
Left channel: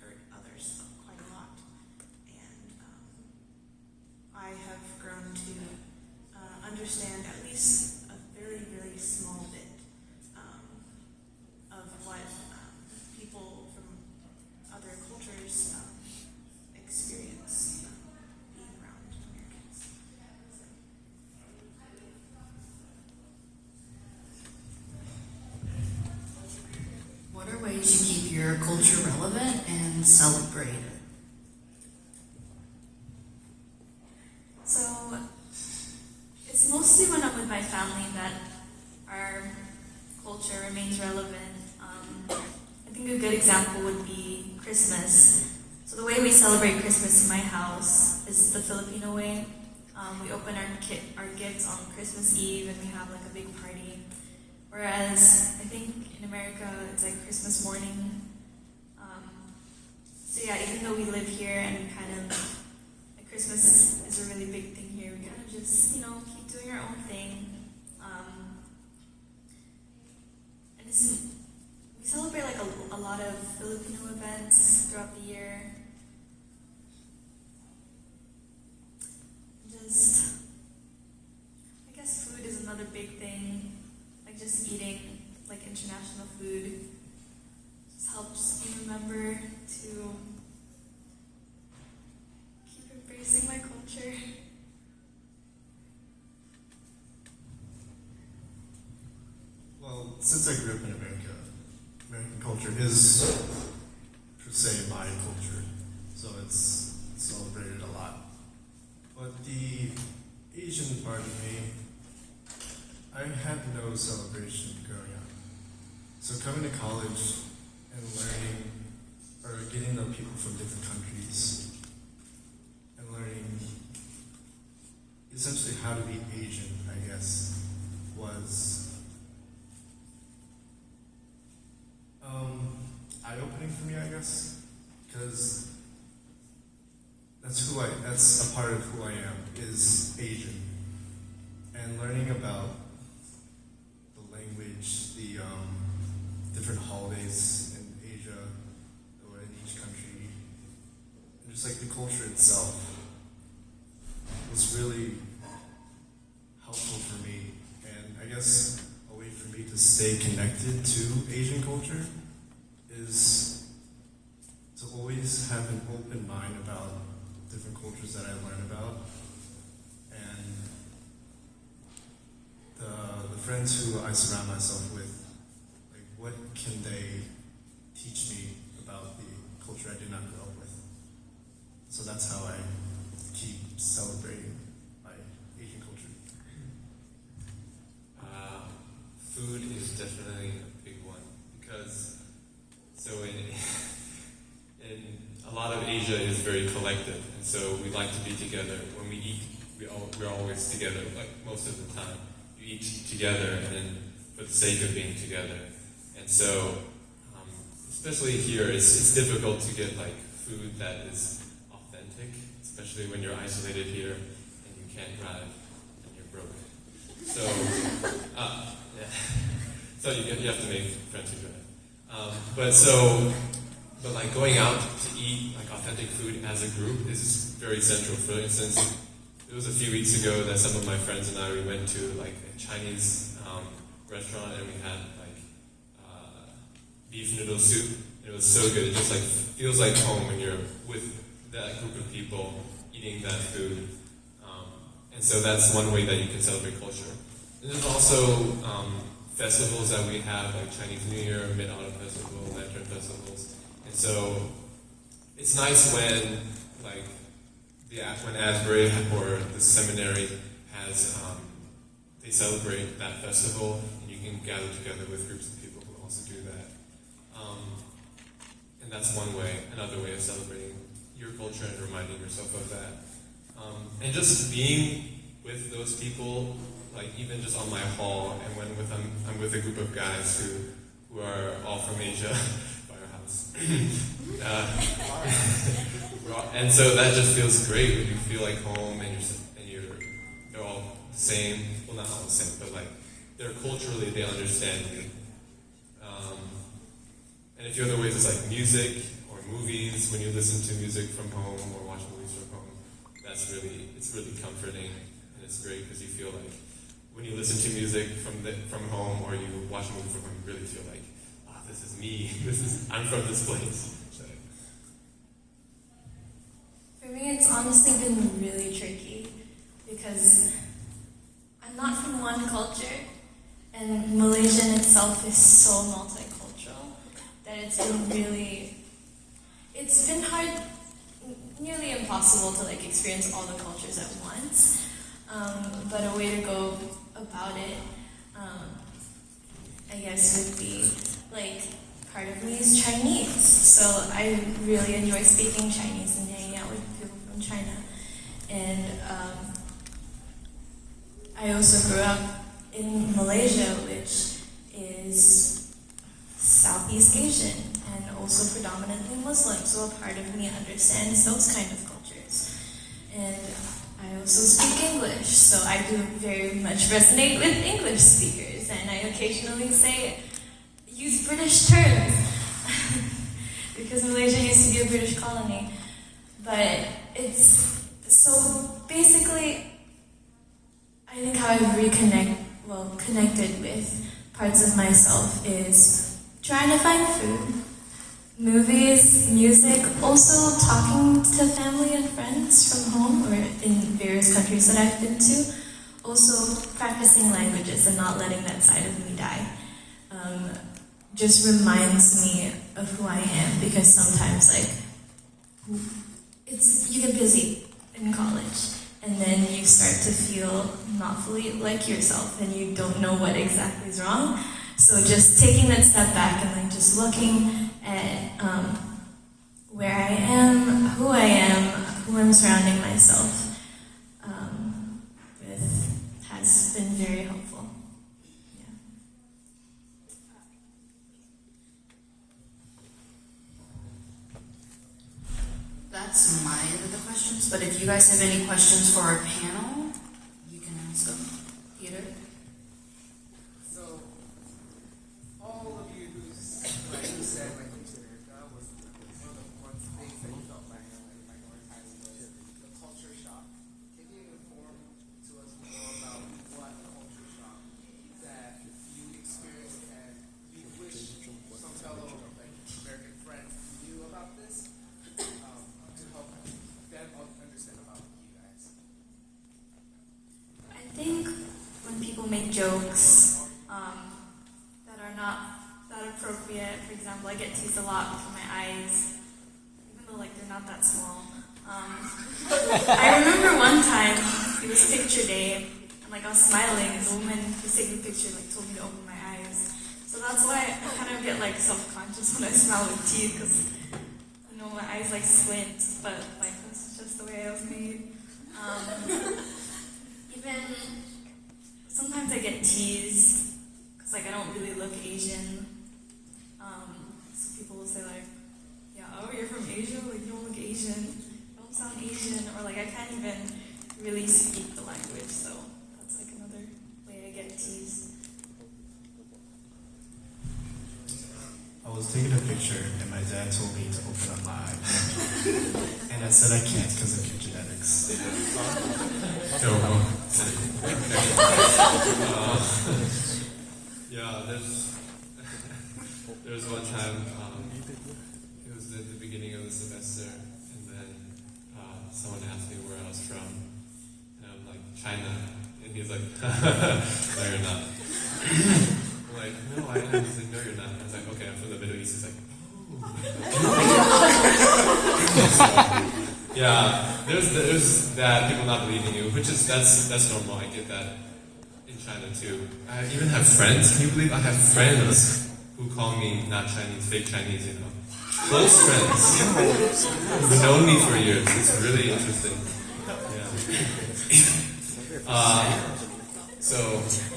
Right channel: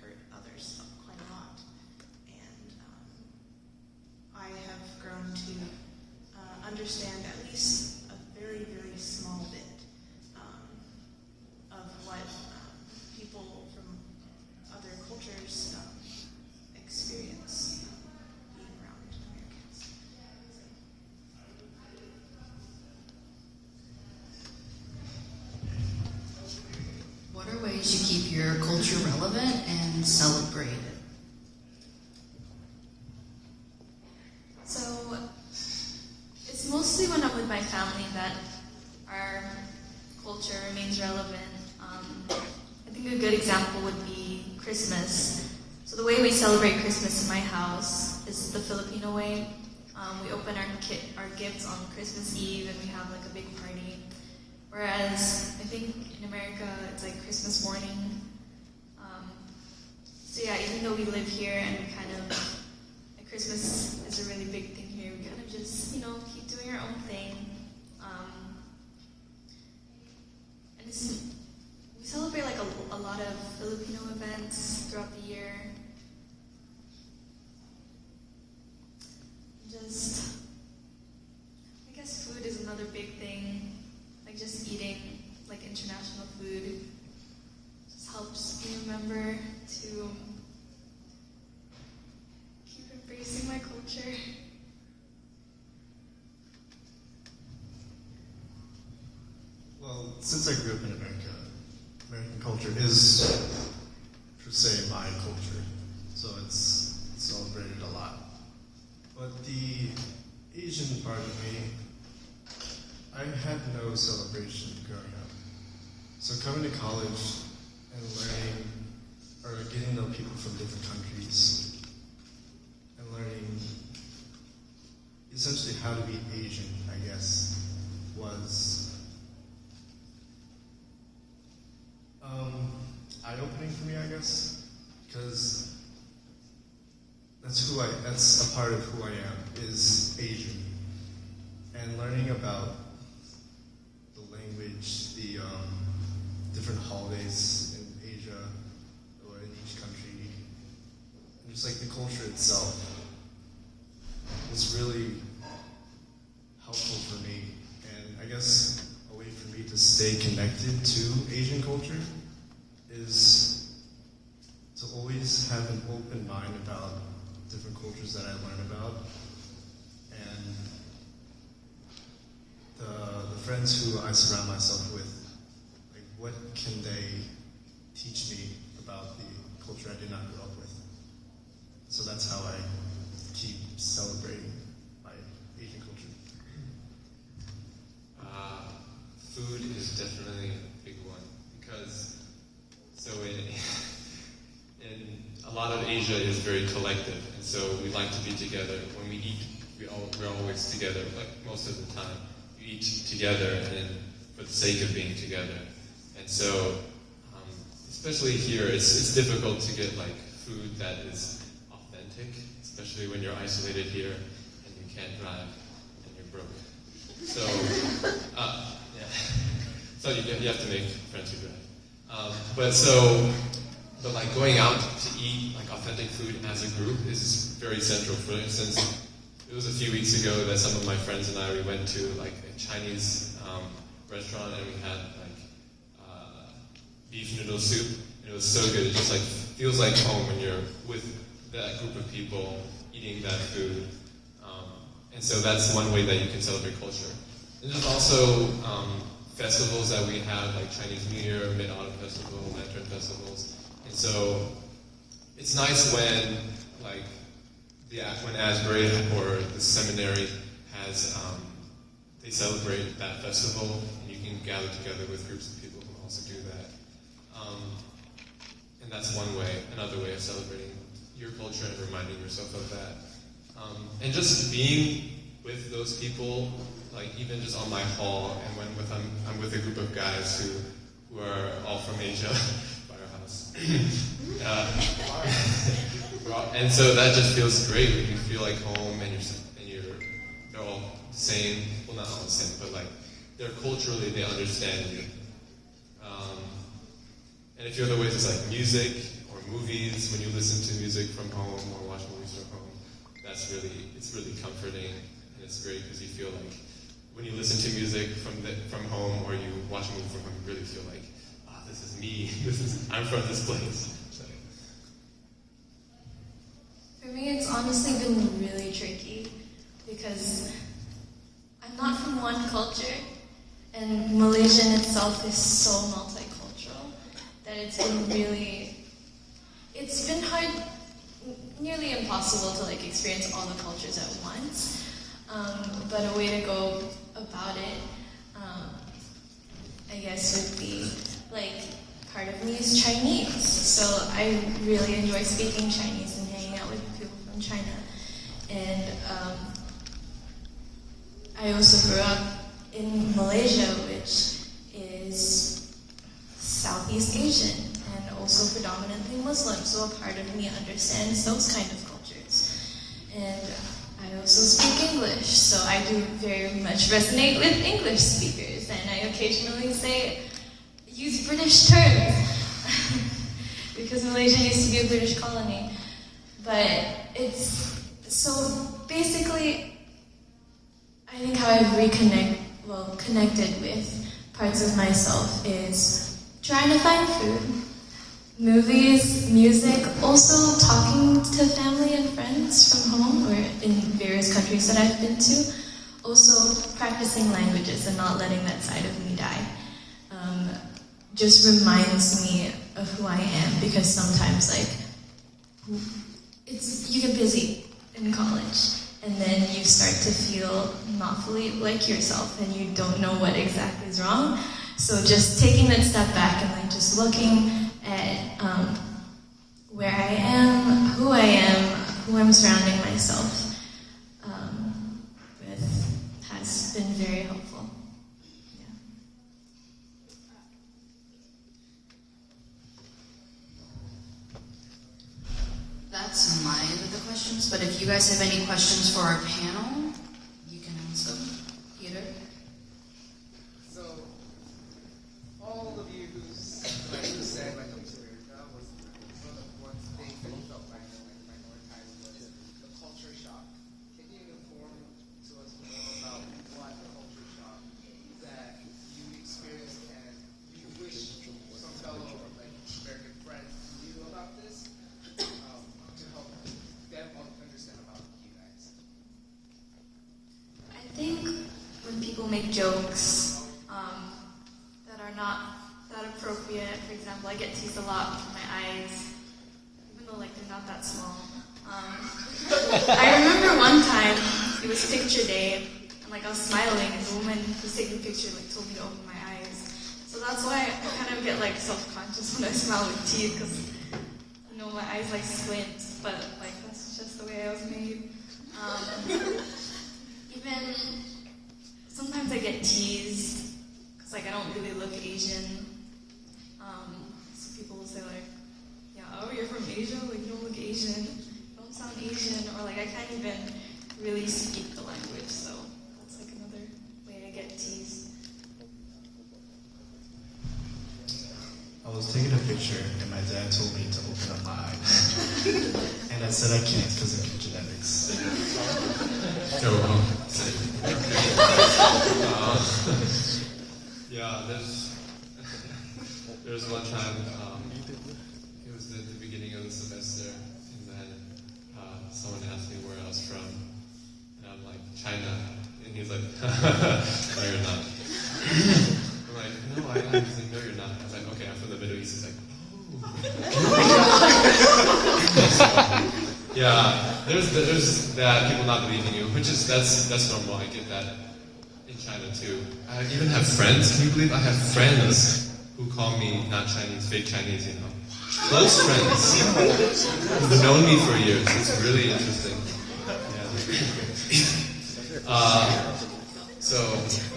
hurt others quite a lot. And I have grown to understand at least a very, very small bit of what people from other cultures What are ways you keep your culture relevant and celebrate it? So it's mostly when I'm with my family that our culture remains relevant. I think a good example would be Christmas. So the way we celebrate Christmas in my house is the Filipino way. We open our gifts on Christmas Eve and we have like a big party. Whereas I think in America it's like Christmas morning. So yeah, even though we live here and we kind of like Christmas is a really big thing here, we kind of just keep doing our own thing. And we celebrate like a lot of Filipino events throughout the year. Just, I guess food is another big thing. Like just eating like international food just helps me remember to keep embracing my culture. Well, since I grew up in America, American culture is per se my culture, so it's celebrated a lot. But the Asian part of me, I had no celebration growing up. So coming to college and learning, or getting to know people from different countries, and learning essentially how to be Asian, I guess, was eye-opening for me, I guess, because that's a part of who I am, is Asian. And learning about the language, the different holidays in Asia, or in each country, and just like the culture itself was really helpful for me. And I guess a way for me to stay connected to Asian culture is to always have an open mind about different cultures that I learn about, and the friends who I surround myself with, like what can they teach me about the culture I did not grow up with? So that's how I keep celebrating my Asian culture. Food is definitely a big one because in a lot of Asia is very collective, and so we like to be together. When we eat, we're always together, like most of the time. We eat together and for the sake of being together. And so, especially here, it's difficult to get like food that is authentic, especially when you're isolated here and you can't drive and you're broke. So, yeah. So you have to make friends who drive. But like going out to eat like authentic food as a group is very central. For instance, it was a few weeks ago that some of my friends and I, we went to like a Chinese restaurant and we had like beef noodle soup. And it was so good. It just like feels like home when you're with that group of people eating that food. And so that's one way that you can celebrate culture. And there's also festivals that we have, like Chinese New Year, Mid-Autumn Festival, Lantern Festivals. And so it's nice when, like, when Asbury or the seminary has, they celebrate that festival, and you can gather together with groups of people who also do that. And that's one way, another way of celebrating your culture and reminding yourself of that. And just being with those people, like even just on my hall, and when I'm with a group of guys who are all from Asia, firehouse. And so that just feels great. You feel like home, and they're all the same. Well, not all the same, but like they're culturally, they understand you. And a few other ways is like music or movies. When you listen to music from home or watch movies from home, it's really comforting, and it's great because you feel like when you listen to music from home or you watch a movie from home, you really feel like, this is me. I'm from this place. So. For me, it's honestly been really tricky because I'm not from one culture, and Malaysia in itself is so multicultural. that it's been hard, nearly impossible to like experience all the cultures at once. But a way to go about it, I guess, would be like part of me is Chinese. So I really enjoy speaking Chinese and hanging out with people from China. And I also grew up in Malaysia, which is Southeast Asian and also predominantly Muslim. So a part of me understands those kind of cultures. And I also speak English, so I do very much resonate with English speakers, and I occasionally use British terms because Malaysia used to be a British colony. But it's so basically, I think how I've connected with parts of myself is trying to find food, movies, music, also talking to family and friends from home or in various countries that I've been to, also practicing languages and not letting that side of me die. Just reminds me of who I am, because sometimes you get busy in college and then you start to feel not fully like yourself and you don't know what exactly is wrong. So just taking that step back and then just looking at where I am, who I'm surrounding myself with has been very helpful. Yeah. That's my end of the questions, but if you guys have any questions for our panel, you can ask them. Peter? So, all of you who said, like, come to America, one of the things that you felt my time was the culture shock. Can you inform to us more about what culture shock that you experienced and you wish some fellow American friends knew about this to help them understand about you guys? I think when people make jokes that are not that appropriate, for example, I get teased a lot for my eyes, even though they're not that small. I remember one time it was picture day, and I was smiling, and the woman who was taking the picture told me to open my eyes. So that's why I kind of get self-conscious when I smile with teeth, because my eyes squint, but that's just the way I was made. Even sometimes I get teased because I don't really look Asian. So people will say yeah, oh, you're from Asia, you don't look Asian, you don't sound Asian, or I can't even really speak the language. So that's another way to get teased. I was taking a picture and my dad told me to open up my eyes. And I said I can't because of your genetics. Yeah, there was one time, it was at the beginning of the semester, and then someone asked me where I was from, and I'm like, China, and he's like, no, you're not. I'm like, no, I am. He's like, no, you're not. I was like, okay, I'm from the Middle East. He's like, oh. Yeah, there's that, people not believing you, which is, that's normal. I get that in China too. I even have friends, can you believe I have friends who call me not Chinese, fake Chinese, Close friends who've known me for years. It's really interesting.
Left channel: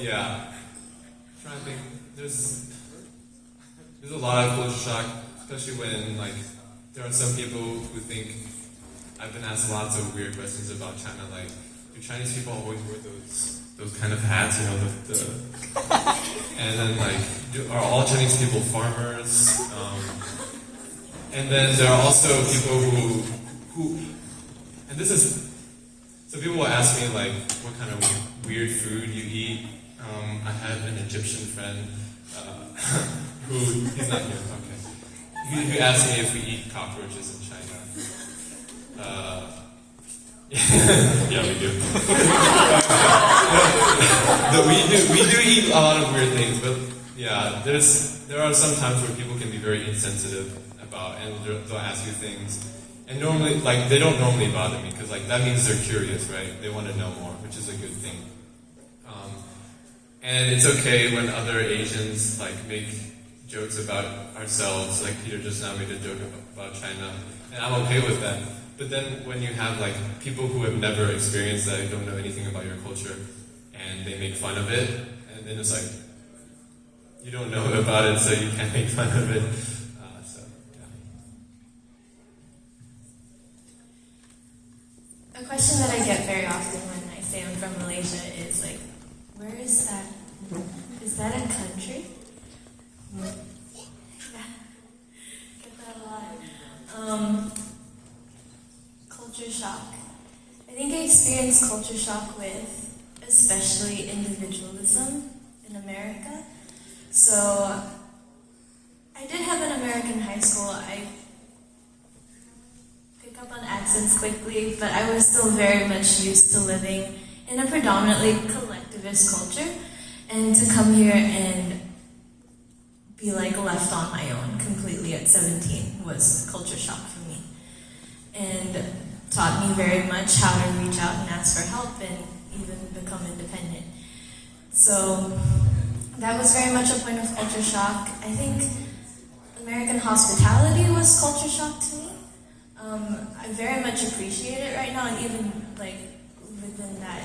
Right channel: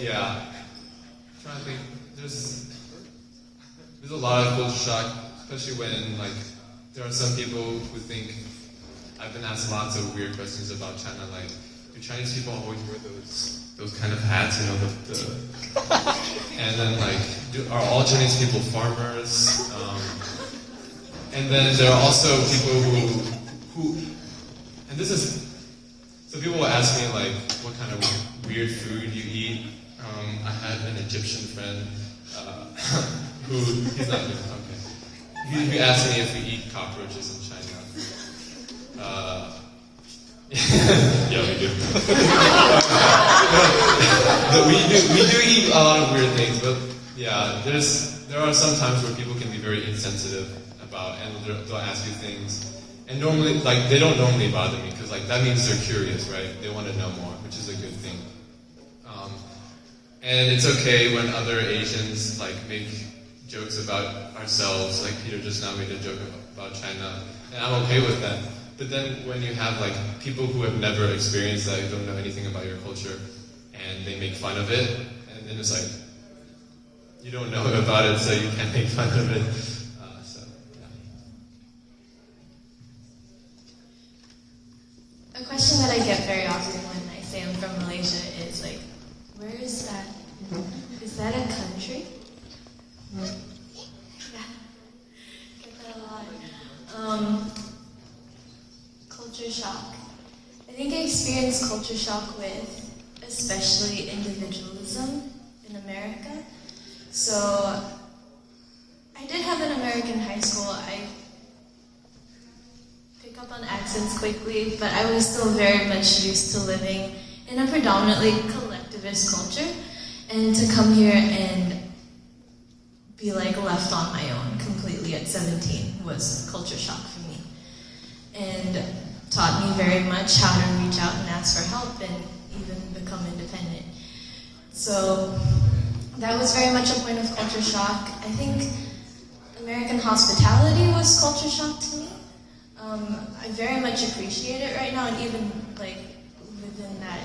Yeah. I'm trying to think, there's a lot of culture shock, especially when there are some people who think I've been asked lots of weird questions about China, do Chinese people always wear those kind of hats, and then are all Chinese people farmers? And then there are also people who and this is, so people will ask me what kind of weird food you eat. I had an Egyptian friend who, he's not here, okay. He asked me if we eat cockroaches in China. Yeah, we do. We do eat a lot of weird things, but yeah. Yeah, there are some times where people can be very insensitive about, and they'll ask you things, and normally, like, they don't normally bother me because, like, that means they're curious, right? They want to know more, which is a good thing. And it's okay when other Asians like make jokes about ourselves, like Peter just now made a joke about China, and I'm okay with that. But then when you have like people who have never experienced that, who don't know anything about your culture, and they make fun of it, and then it's like, you don't know about it, so you can't make fun of it. A question that I get very often when I say I'm from Malaysia is like, where is that? Is that a country? Yeah, get that a lot. Culture shock. I think I experienced culture shock with especially individualism in America. So I did have an American high school. I pick up on accents quickly, but I was still very much used to living in a predominantly collectivist culture, and to come here and be like left on my own completely at 17 was culture shock for me, and taught me very much how to reach out and ask for help and even become independent. So that was very much a point of culture shock. I think American hospitality was culture shock to me. I very much appreciate it right now, and even like within that,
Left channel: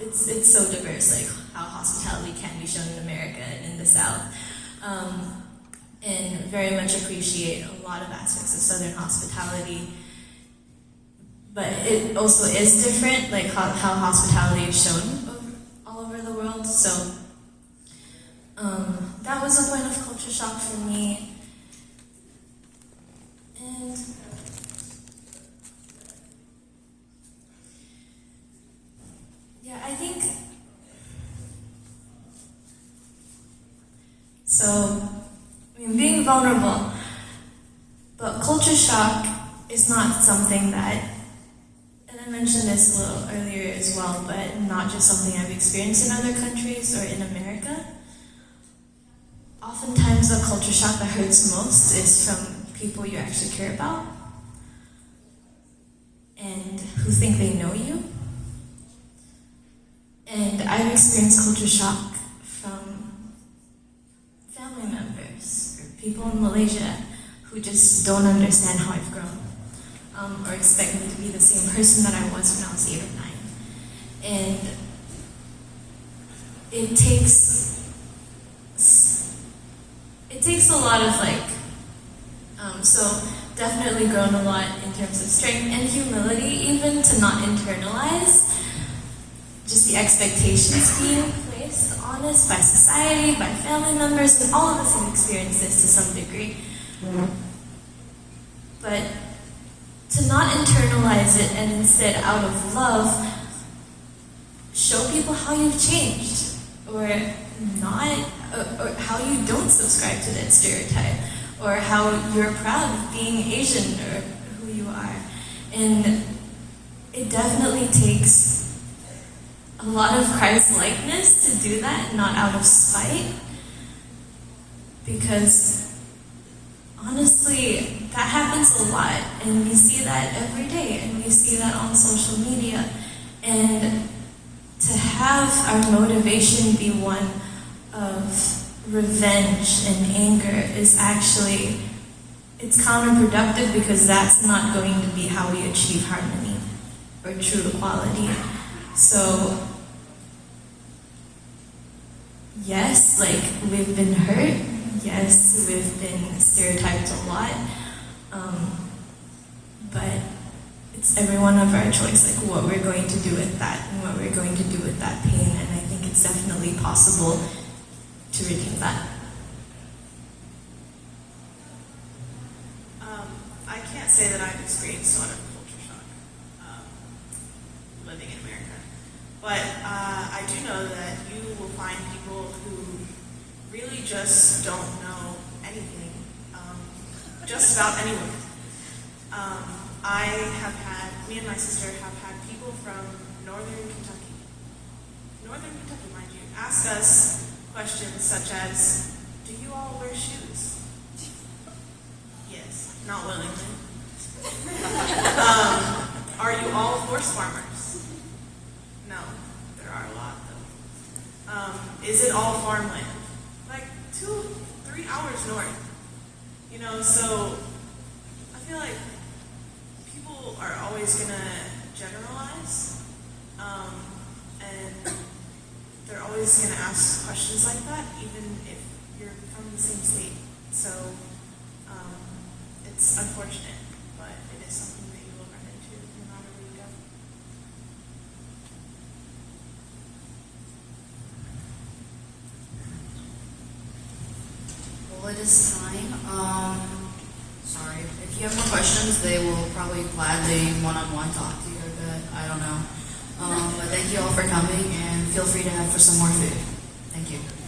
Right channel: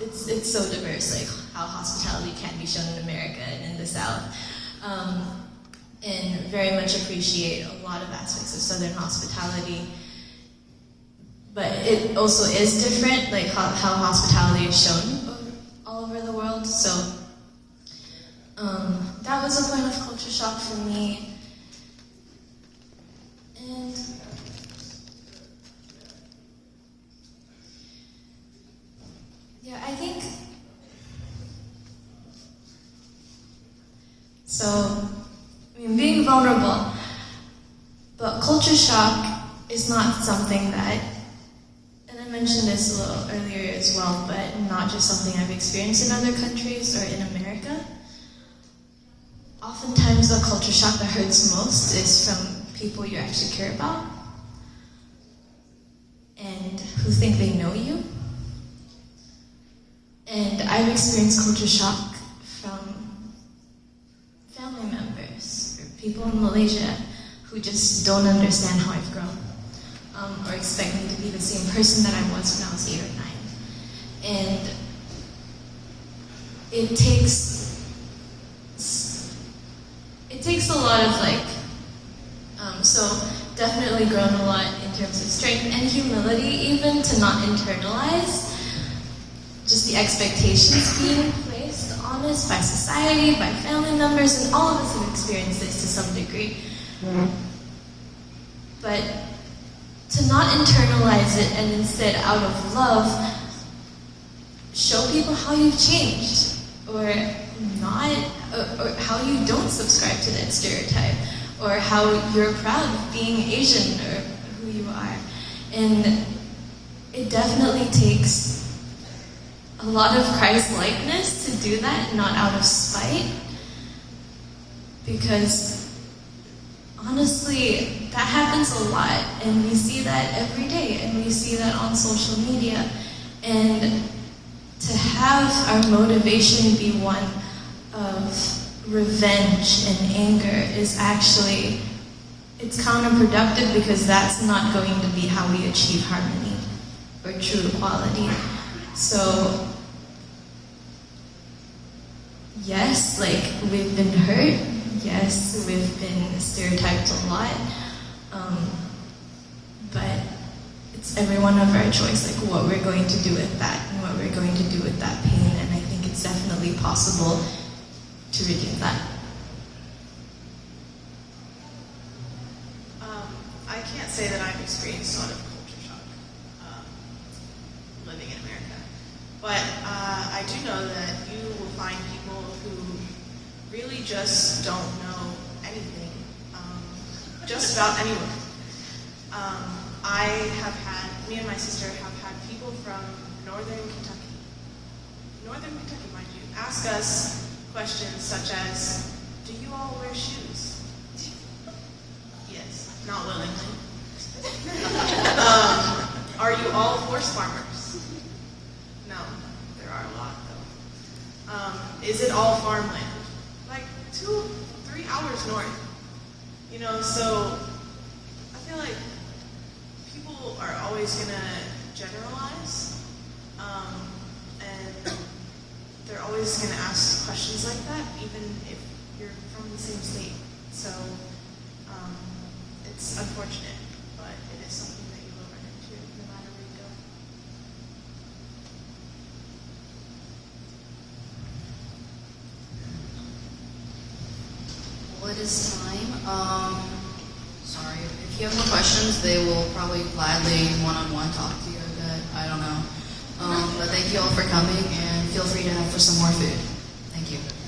it's so diverse, like how hospitality can be shown in America and in the South, and very much appreciate a lot of aspects of Southern hospitality. But it also is different, like how hospitality is shown all over the world. So that was a point of culture shock for me. And yeah, I think so. I mean, being vulnerable, but culture shock is not something that, and I mentioned this a little earlier as well, but not just something I've experienced in other countries or in America. Oftentimes, the culture shock that hurts most is from people you actually care about and who think they know you. And I've experienced culture shock from family members or people in Malaysia who just don't understand how I've grown, or expect me to be the same person that I was when I was 8 or 9. And it takes a lot of so definitely grown a lot in terms of strength and humility, even to not internalize just the expectations being placed on us by society, by family members, and all of us have experienced this to some degree. But to not internalize it and instead, out of love, show people how you've changed, or not, or how you don't subscribe to that stereotype, or how you're proud of being Asian or who you are. And it definitely takes a lot of Christ-likeness to do that, not out of spite. Because honestly, that happens a lot, and we see that every day, and we see that on social media. And to have our motivation be one of revenge and anger is actually, it's counterproductive, because that's not going to be how we achieve harmony or true equality. So yes, like, we've been hurt. Yes, we've been stereotyped a lot. But it's every one of our choice, like what we're going to do with that and what we're going to do with that pain. And I think it's definitely possible to redeem that. I can't say that I've experienced sort of culture shock living in America. But I do know that you will find people who really just don't know anything, just about anyone. Me and my sister have had people from northern Kentucky, mind you, ask us questions such as, do you all wear shoes? Yes, not willingly. Are you all horse farmers? No, there are a lot though. Is it all farmland? Like 2-3 hours north. You know, so I feel like people are always gonna generalize, and they're always gonna ask questions like that, even if you're from the same state. So it's unfortunate, but it is something that you will run into no matter where you go. Well, it is time. Sorry. If you have more questions, they will probably gladly one-on-one talk to you. I don't know. But thank you all for coming, and feel free to ask for some more food. Thank you.